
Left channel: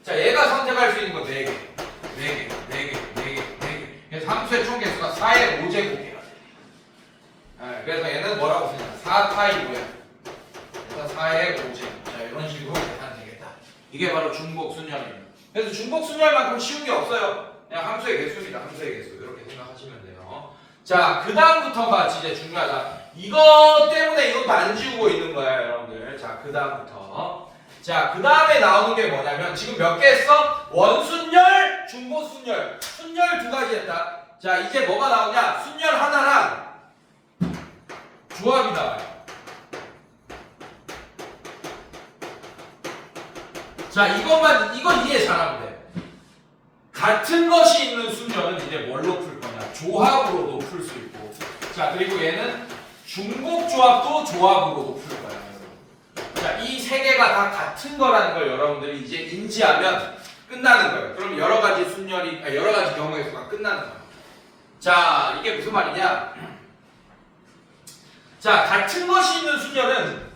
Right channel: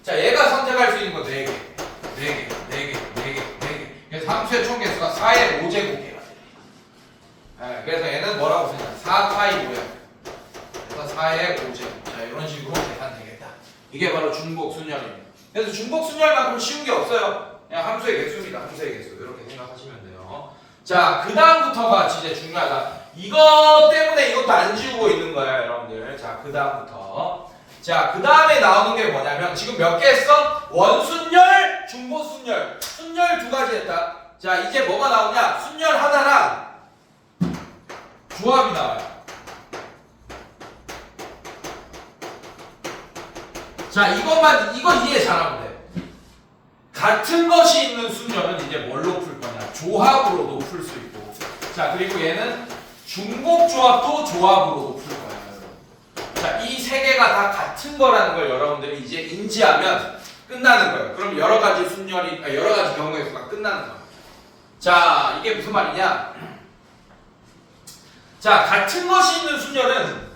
자, 얘가 선택할 수 있는 거 4개, 4개, 4개, 4개, 4개. 그래서 함수의 총 개수가 4의 5제곱개가 돼. 그래서 얘는 뭐라고 쓰냐? 4파이 5야. 그래서 4의 5제곱. 자, 이런 식으로 계산되겠다. 이게 바로 중복순열입니다. 그래서 중복순열만큼 쉬운 게 없어요. 그냥 함수의 개수입니다. 함수의 개수. 이렇게 생각하시면 돼요. 자, 그 다음부터가 진짜 중요하다. 이것 때문에 이것도 안 지우고 있는 거예요, 여러분들. 자, 그 다음부터. 자, 그 다음에 나오는 게 뭐냐면 지금 몇 개 했어? 원순열, 중복순열. 순열 2가지 했다. 자, 이제 뭐가 나오냐? 순열 하나랑 조합이 나와요. 자, 이건 이해 잘하면 돼. 같은 것이 있는 순열은 이제 뭘로 풀 거냐? 조합으로도 풀 수 있고. 자, 그리고 얘는 중복 조합도 조합으로도 풀 거야. 자, 이 세 개가 다 같은 거라는 걸 여러분들이 이제 인지하면 끝나는 거예요. 그럼 여러 가지 여러 가지 경우의 수가 끝나는 거예요. 자, 이게 무슨 말이냐? 자, 같은 것이 있는 순열은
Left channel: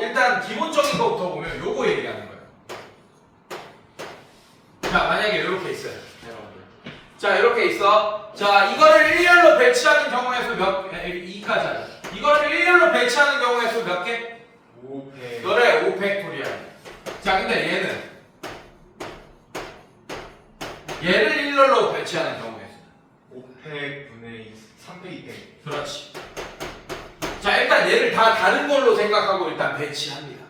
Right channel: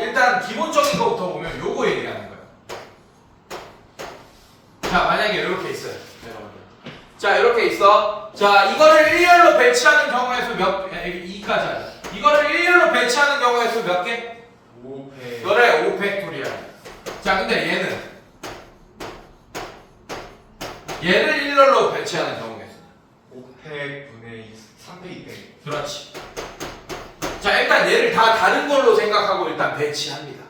일단 기본적인 것부터 보면 요거 얘기하는 거예요. 자, 만약에 이렇게 있어요. 자, 이렇게 있어. 자, 이거를 일렬로 배치하는 경우의 수 2까지 하자. 이거를 일렬로 배치하는 경우의 수 몇 개? 5팩. 그래, 5팩토리아. 자, 근데 얘를 일렬로 배치하는 경우의 수. 5팩 분의 3팩 2팩. 그렇지. 자, 일단 얘를 다 다른 걸로 생각하고 일단 배치합니다.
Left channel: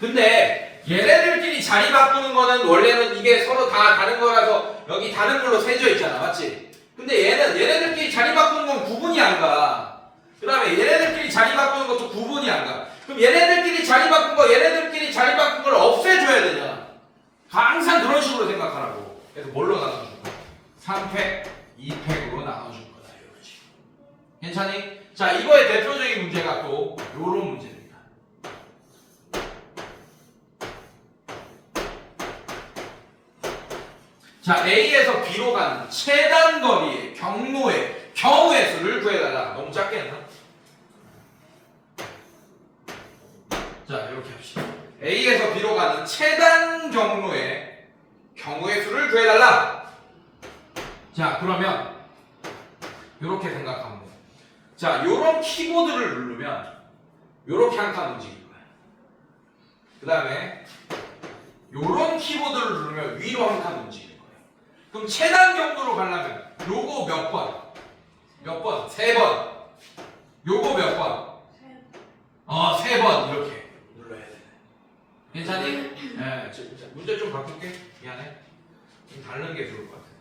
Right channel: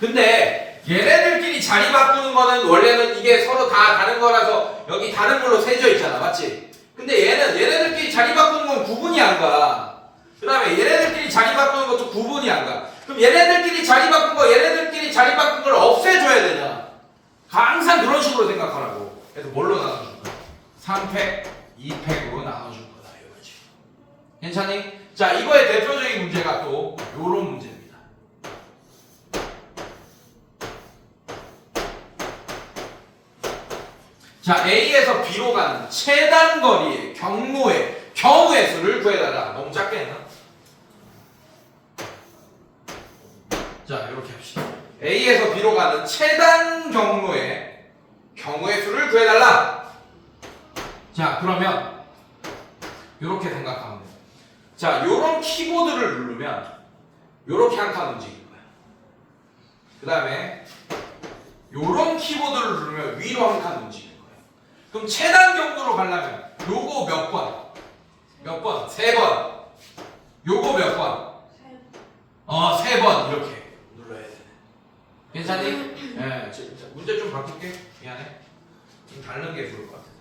근데 얘네들끼리 자리 바꾸는 거는 원래는 이게 서로 다 다른 거라서 여기 다른 걸로 세져 있잖아. 맞지? 근데 얘네들끼리 자리 바꾸는 건 구분이 안 가. 그 다음에 얘네들끼리 자리 바꾸는 것도 구분이 안 가. 그럼 얘네들끼리 자리 바꾼 거, 얘네들끼리 자리 바꾼 걸 없애줘야 되냐? 항상 그런 식으로 생각하라고. 그래서 뭘로 나눠줄 거야? 3팩, 2팩으로 나눠줄 거다. 이거지. 괜찮니? 자, 이거의 대표적인 문제가 또 요런 문제입니다. 자, A에서 B로 가는 최단 거리의 경우의 수를 구해달라. 너무 작게 했나? 자, 이렇게 합시다. A에서 B로 가는 최단 경로의 수를 구해달라. 자, 그러면 이렇게 생각하면 돼요. 자, 요런 키보드를 누르면 요렇게 한 칸 움직일 거야. 그 다음에 요런 키보드를 누르면 위로 한 칸 움직일 거야. 그럼 최단 경로로 가려면 요거 몇 번? 몇 번? 3번. 요거 몇 번? 3번 이렇게 눌러야 돼. 괜찮니? 네. 문제 좀 바꿀게. 미안해. 좀 다른 게 좋을 것 같아서.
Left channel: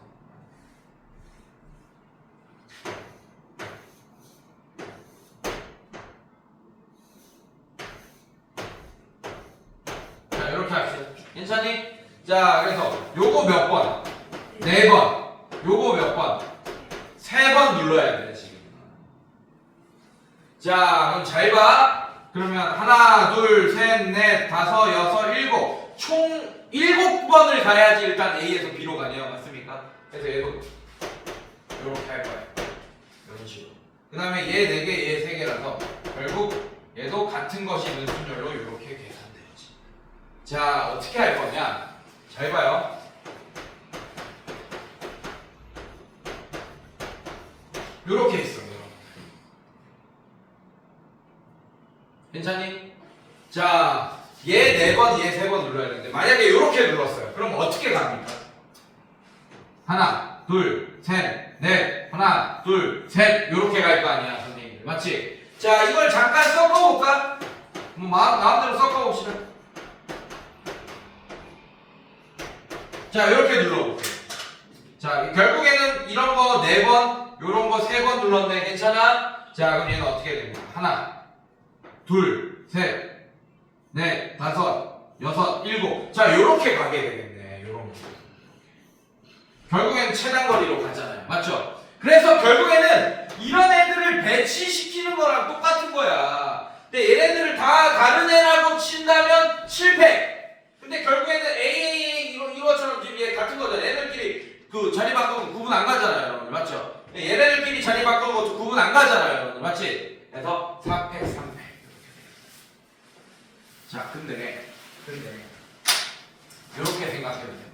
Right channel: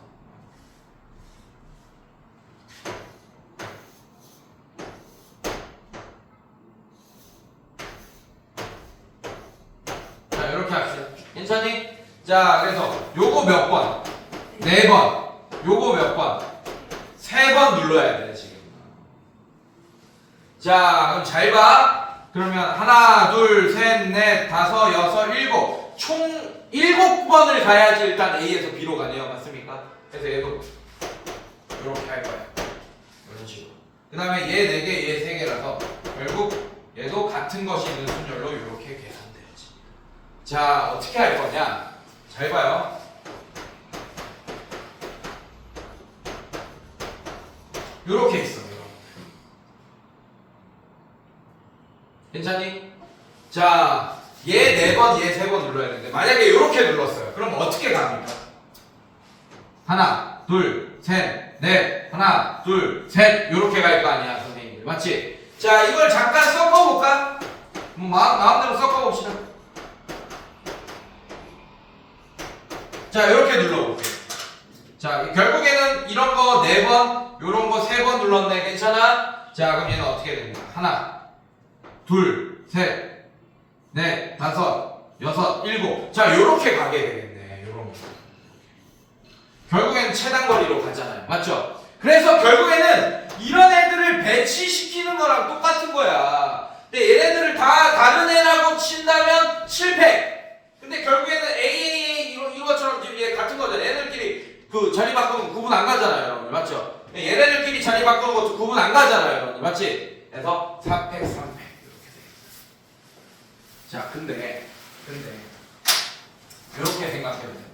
자, 이렇게 합시다. 괜찮니? 자, 그래서 요거 몇 번? 4번. 요거 몇 번? 3번 눌러야 돼, 지금. 자, 그럼 잘 봐. 그러면 하나, 둘, 셋, 넷, 다섯, 여섯, 일곱. 총 7번을 가야지 일단 A에서 B로 가네요. 맞습니까? 그래서 얘도 이렇게 할 거야. 이런 식으로. 그 다음에 얘 4개, 얘 3개라서 결국 얘도 같은 것이 있는 순열로 이렇게 계산되지. 자, 어떻게 할 거냐? 잘 봐요. 요렇게 있어요. 괜찮니? 자, 얘 4번, 얘 3번 눌러야 되는데 만약에 요렇게 눌렀어요. 그럼 어떻게 갑니까? 하나, 둘, 셋, 넷, 하나, 둘, 셋 요렇게 갈 거 아니야, 선생님들. 맞지? 자, 이걸 잠깐 섞어볼까? 마음대로 섞어봅시다. 자, 요렇게 눌러볼게요. 자, 결국에는 이런 거 4번, 요런 거 3번 눌렀네. 괜찮아? 자, 그럼 얘는 어떻게 되냐? 하나, 둘, 셋, 넷, 다섯, 여섯, 일곱. 자, 요렇게 가게 되겠네. 요런 거. 결국엔 최단 거리로 가잖아요. 맞죠? 그래서 결국에는 이런 애들을 배치시키는 거랑 똑같은 거야. 근데 얘네들을 다 다른 애라고 친다면 실패. 근데 결국에는 A 이것처럼 지금 얘 같은 거잖아. 얘네들끼리 그 자리 바꾸면 구분 안 가잖아요, 여러분들. 맞죠? 얘네들끼리 자리 바꾸는 것도 구분 안 가잖아요, 여러분들. 맞지? 그래서 4팩, 3팩. 자, 근데 이렇게 생각해야 됩니다.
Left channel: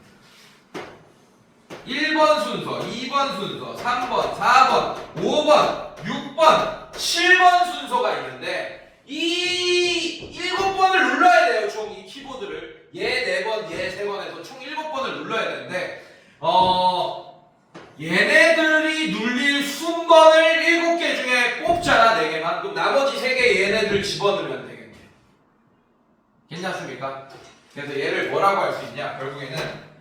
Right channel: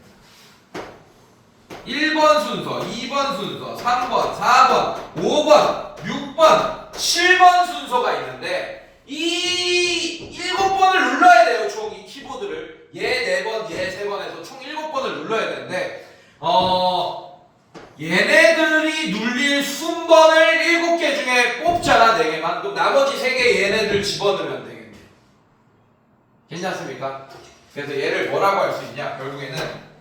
1번 순서, 2번 순서, 3번, 4번, 5번, 6번, 7번 순서가 있는데 이 7번을 눌러야 돼요. 총 이 키보드를. 얘 4번, 얘 3번에서 총 7번을 눌러야 되는데 얘네들이 눌릴 순번을 7개 중에 뽑잖아. 4개만. 그럼 나머지 3개 얘네들 집어넣으면 되겠네. 괜찮습니까? 그래서 얘를 뭐라고 할 수 있냐? 결국에는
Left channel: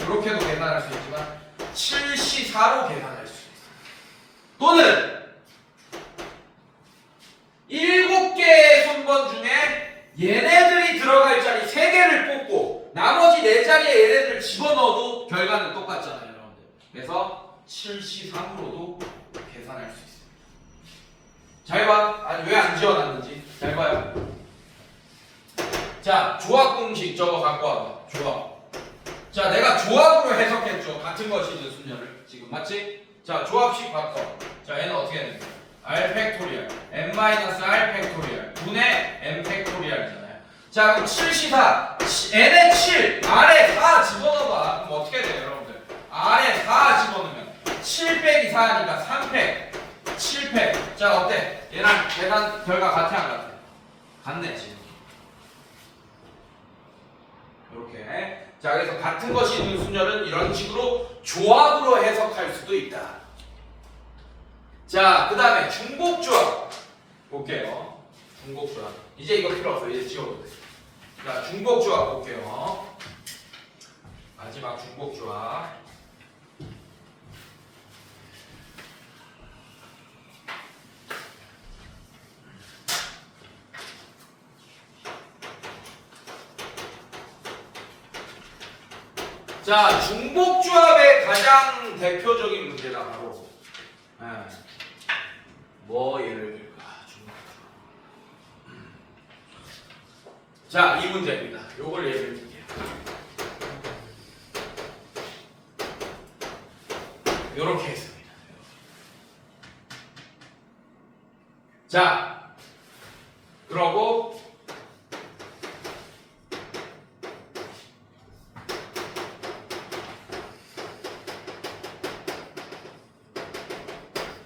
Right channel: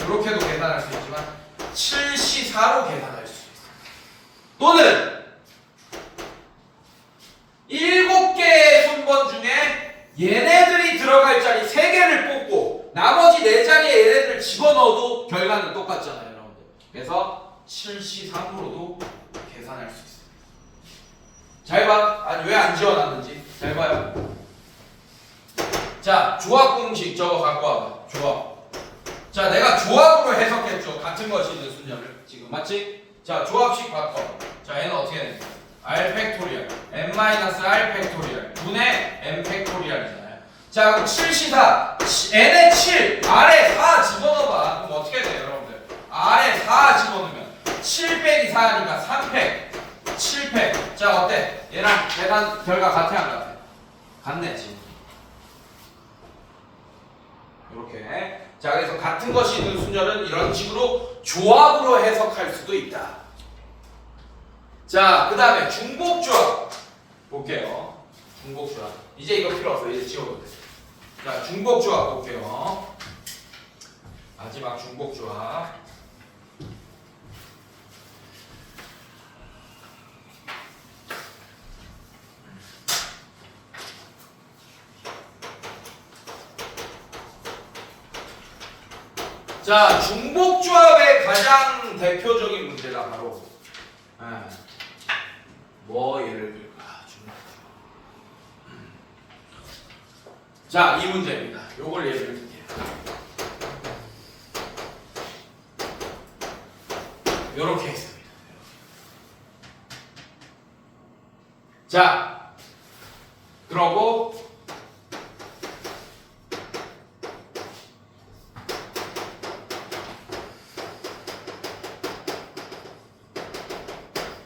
이렇게도 계산할 수 있지만 7C4로 계산할 수 있어. 또는 7개의 순번 중에 얘네들이 들어갈 자리 3개를 뽑고 그래서 73%도 계산할 수 있습니다. 잘 봐. 아니 왜 안 지워놨는지 잘 봐요. 자, 조합 공식 저거 갖고 와봐. 조합. 자, 내가 조합으로 해석했죠. 같은 것이든 순열을. 지금 맞지? 자, 조합식 바꿔. 자, 얘는 어떻게 되는 거야? R 팩토리얼 n-r 팩토리얼 분의 n 팩토리얼이잖아요. 자, 그럼 7시사 n에 7 r에 4 집어넣어봐. 그럼 어떻게 돼 여러분들? r에 4 집어넣으면 7 빼기 4니까 3팩 7팩. 자, 어때? 얘랑 계산 결과 같아 안 같아? 같네 지금. 이렇게. 자, 그래서 같은 것이든 순열은 이런 식으로 조합으로 해석할 수도 있다. 자, 그 다음에 중복조합 볼게요. 중복조합. 이제 이거 필요 없어. 이제 지워도 돼. 자, 중복조합 볼게요. 마지막 중복조합. 자, 중복조합의 가장 대표적인 문제가 바로 뭐 예를 들까? 자, 이 문제입니다. 요걸 예를 들게요. 요렇게 있습니다. 자, 그러고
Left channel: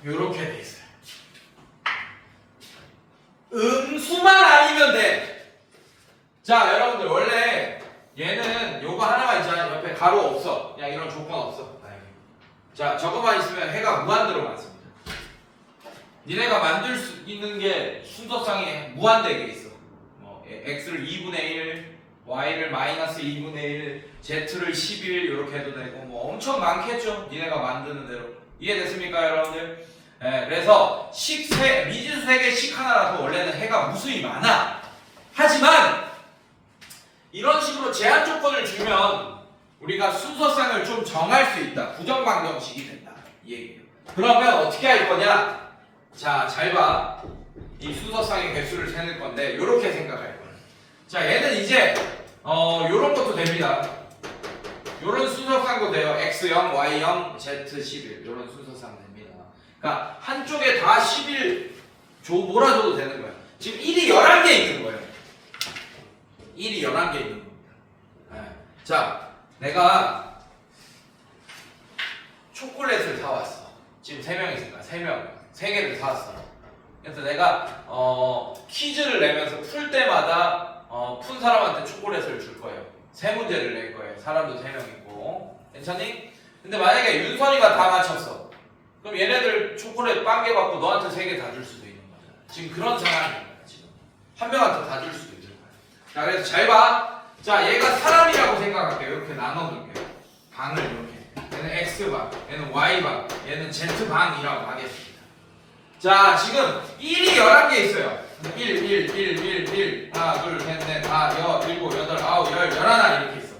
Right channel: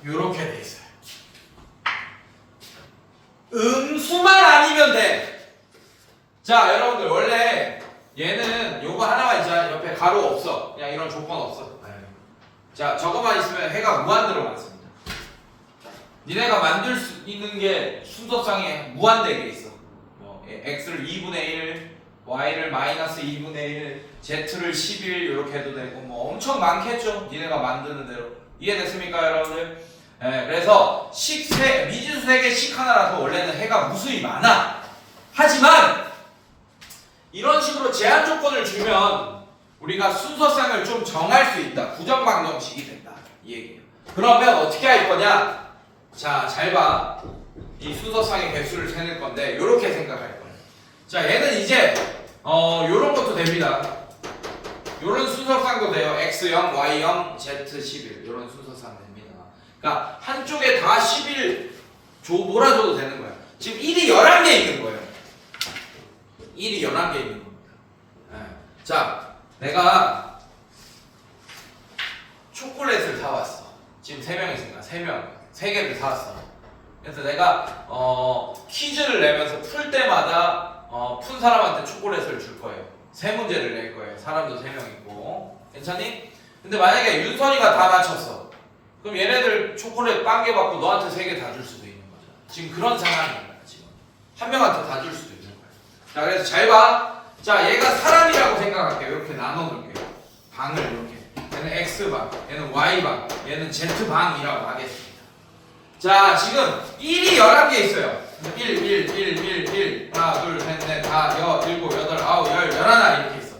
요렇게 돼 있어요. 음수만 아니면 돼. 자, 여러분들 원래 얘는 요거 하나만 있잖아. 옆에 가로 없어. 그냥 이런 조건 없어. 자, 저거만 있으면 해가 무한대로 많습니다. 니네가 만들 수 있는 게 순서상에 무한대게 있어. x를 2분의 1, y를 마이너스 2분의 1, z를 11 이렇게 해도 되고 뭐 엄청 많겠죠. 니네가 만드는 대로. 이해됐습니까, 여러분들? 네, 그래서 미지수 세개 식 하나라서 원래는 해가 무수히 많아. 하지만 이런 식으로 제한 조건을 주면 우리가 순서상을 좀 정할 수 있다. 부정방정식이 된다. 이 얘기예요. 그러면 어떻게 할 거냐? 자, 잘 봐. 이 순서상의 개수를 세낼 건데 이렇게 생각할 거예요. 자, 얘는 이제 요런 것도 됩니다. 요런 순서상도 돼요. x0, y0, z11 요런 순서상 됩니다. 그러니까 한쪽에 다 11 몰아줘도 되는 거야. 지금 1이 11개 있는 거예요. 1이 11개 있는 겁니다. 네. 자, 내가 초콜릿을 사왔어. 지금 3명 있으니까 3개를 사왔어. 그래서 내가 퀴즈를 내면서 풀 때마다 푼 사람한테 초콜릿을 줄 거예요. 3문제를 낼 거예요. 사람도 3명 있고. 괜찮니? 근데 만약에 윤선이가 다 맞췄어. 그럼 얘네들 초콜릿 빵개 받고 너한테 3개 다 줄 수도 있는 거잖아. 지금 그런 상황인 거야. 지금 한 명한테 다 줄 수도 있는 거야. 자, 그래서 잘 봐. 자, 얘가 사람이라고 생각할게요. 이렇게 나눠놓을게요. 방을 이렇게. 얘는 x방, 얘는 y방, 얘는 z방이라고 하겠습니다. 자, 지금 1이 11개 있어요. 1, 하나, 둘, 셋, 넷, 다, 7, 8, 9, 11 이렇게 있어.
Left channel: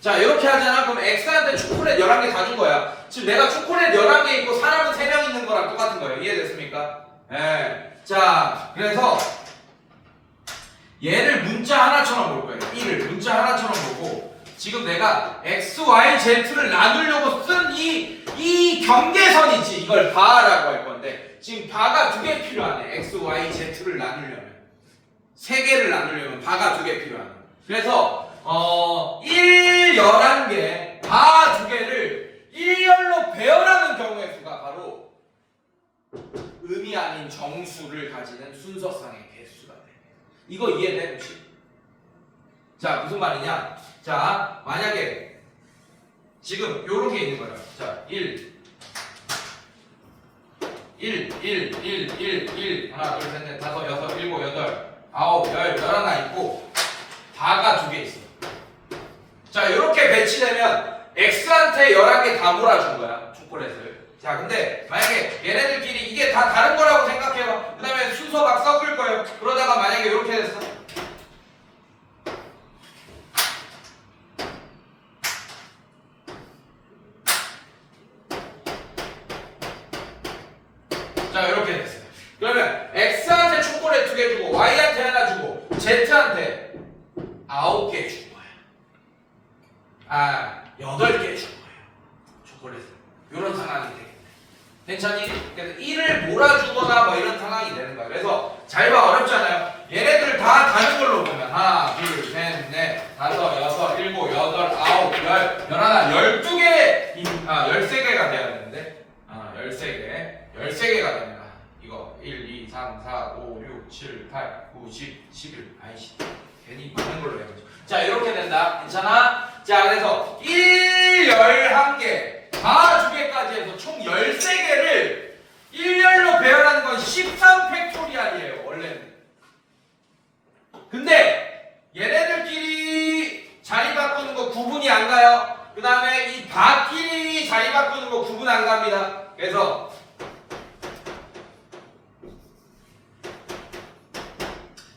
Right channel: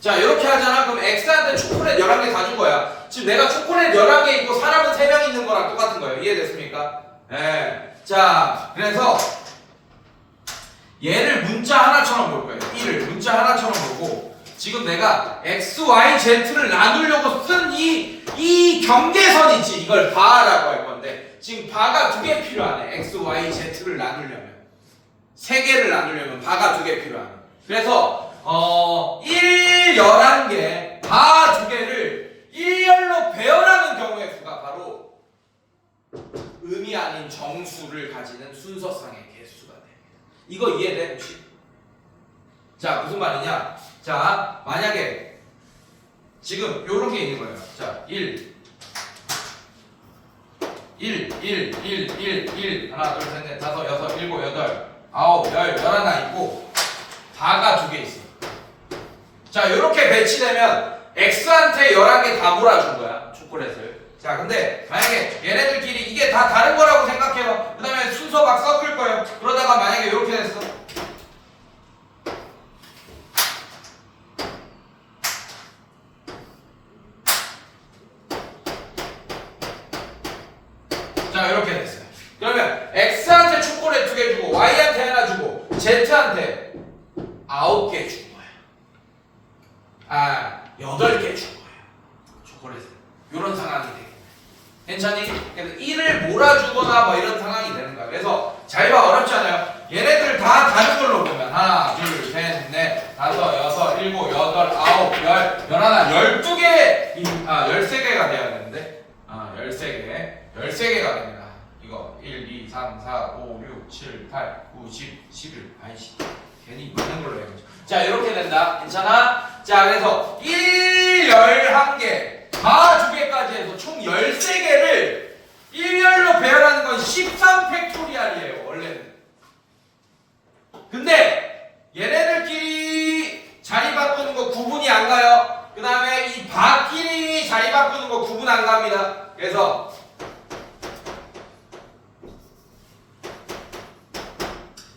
자, 이렇게 하잖아. 그럼 x한테 초콜릿 11개 다 준 거야. 지금 내가 초콜릿 11개 있고 사람은 3명 있는 거랑 똑같은 거예요. 이해됐습니까? 네. 자, 그래서 얘를 문자 하나처럼 볼 거예요. 1을 문자 하나처럼 보고 지금 내가 x, y, z를 나누려고 쓴 이 경계선 있지. 이걸 바라고 할 건데 지금 바가 2개 필요하네. x, y, z를 나누려면 3개를 나누려면 바가 2개 필요하네. 그래서 1, 11개 바 2개를 1열로 배열하는 경우의 수가 바로 음이 아닌 정수를 가지는 순서상의 개수가 됩니다. 이거 이해돼 혹시? 자, 무슨 말이냐? 자, 만약에 지금 요런 게 있는 거예요. 자, 1 하나, 둘, 셋, 넷, 다섯, 여섯, 일곱, 여덟, 아홉, 열, 11 있고 바가 2개 있어. 자, 요렇게 배치되면 x한테 11개 다 몰아준 거야. 초콜릿을. 자, 근데 만약에 얘네들끼리 이게 다 다른 거라고 생각해요. 그 다음에 순서 막 섞을 거예요. 그러다가 만약에 이렇게 됐어. 이렇게 됐어요. 그러면 X한테 초콜릿 2개 주고 Y한테 하나 주고 Z한테 9개 준 거야. 8개 준 거예요. 초콜릿을. 이런 상황이 되겠네. 괜찮니? 그래서 1을 몰아주거나 뭐 이런 상황이 되는 거야. 그래서 잘 봐, 어렵지 않아요? 얘네들 다 다른 걸로 보면 하나, 둘, 셋, 넷, 다섯, 여섯, 일곱, 여덟, 아홉, 열, 열하나, 12개, 13개가 돼야 되는데 13개가 됩니다. 이거 1, 2, 3, 4, 5, 6, 7, 8, 9, 10, 11 아이씨 괜히 많은 걸로 해야죠. 자 이렇게 된다. 괜찮아? 자 그래서 1, 11개 다 2개까지 해서 총 13개를 1열로 배열하는 건 13팩토리알이에요 원래는. 근데 얘네들끼리 자리 바꾸는 거 구분이 안 가요. 그 다음에 이 바끼리 자리 바꾸는 거 구분 안 갑니다. 그래서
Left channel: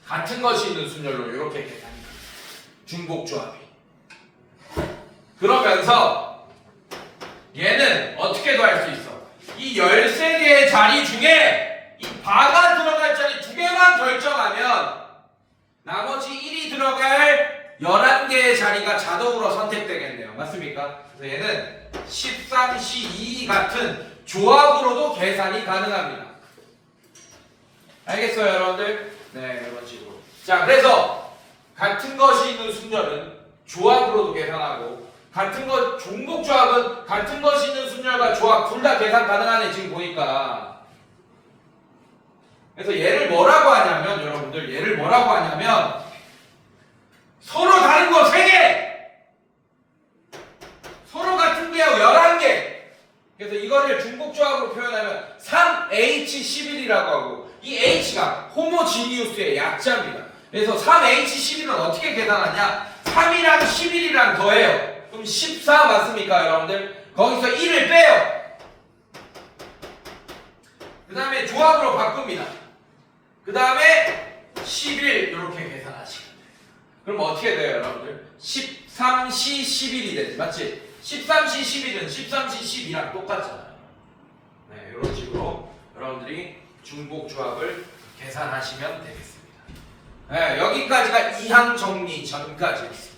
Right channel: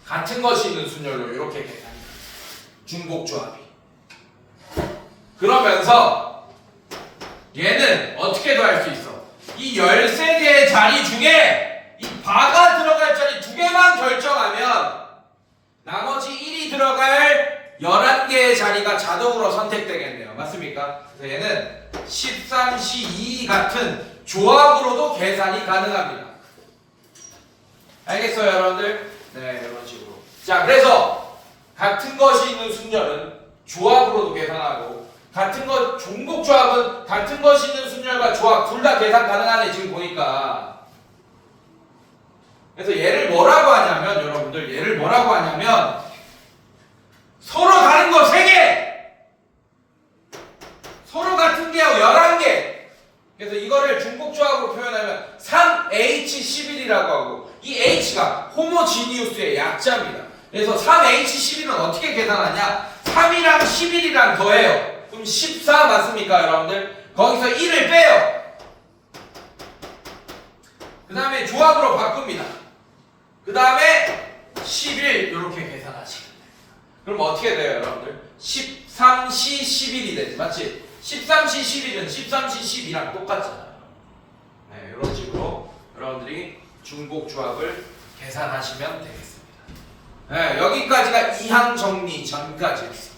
같은 것이 있는 순열로 이렇게 계산이 돼요. 중복조합이. 그러면서 얘는 어떻게도 할 수 있어. 이 13개의 자리 중에 이 바가 들어갈 자리 2개만 결정하면 나머지 1이 들어갈 11개의 자리가 자동으로 선택되겠네요. 맞습니까? 그래서 얘는 13C2 같은 조합으로도 계산이 가능합니다. 알겠어요, 여러분들? 네, 이런 식으로. 자, 그래서 같은 것이 있는 순열은 조합으로도 계산하고 같은 것 종목 조합은 같은 것이 있는 순열과 조합 둘 다 계산 가능하네 지금 보니까. 그래서 얘를 뭐라고 하냐면 여러분들 얘를 뭐라고 하냐면 서로 다른 거 3개 서로 같은 게 11개. 그래서 이거를 중복 조합으로 표현하면 3H11이라고 하고 이 H가 호모지니우스의 약자입니다. 그래서 3H11은 어떻게 계산하냐? 3이랑 11이랑 더해요. 그럼 14 맞습니까 여러분들? 거기서 1을 빼요. 그 다음에 조합으로 바꿉니다. 그 다음에 11 이렇게 계산하시면 돼요. 그럼 어떻게 돼요 여러분들? 13C 11이 되지 맞지? 13C 11은 13C 12랑 똑같잖아요. 네, 이런 식으로 여러분들이 중복 조합을 계산하시면 되겠습니다. 네, 여기까지가 이항 정리 전까지였습니다.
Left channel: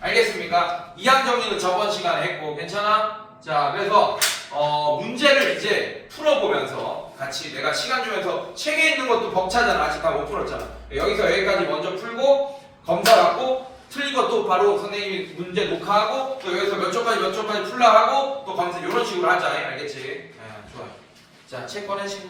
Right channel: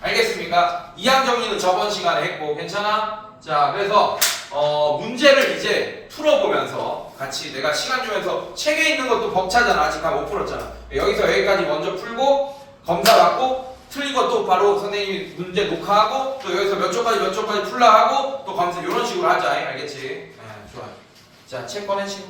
알겠습니까? 이항 정리는 저번 시간에 했고 괜찮아? 자 그래서 문제를 이제 풀어보면서 같이 내가 시간 주면서 책에 있는 것도 벅차잖아. 아직 다 못 풀었잖아. 여기서 여기까지 먼저 풀고 검사 받고 틀린 것도 바로 선생님이 문제 녹화하고 또 여기서 몇 초까지 풀라 하고 또 검사 이런 식으로 하자. 알겠지? 네, 좋아요. 자 책 꺼내시고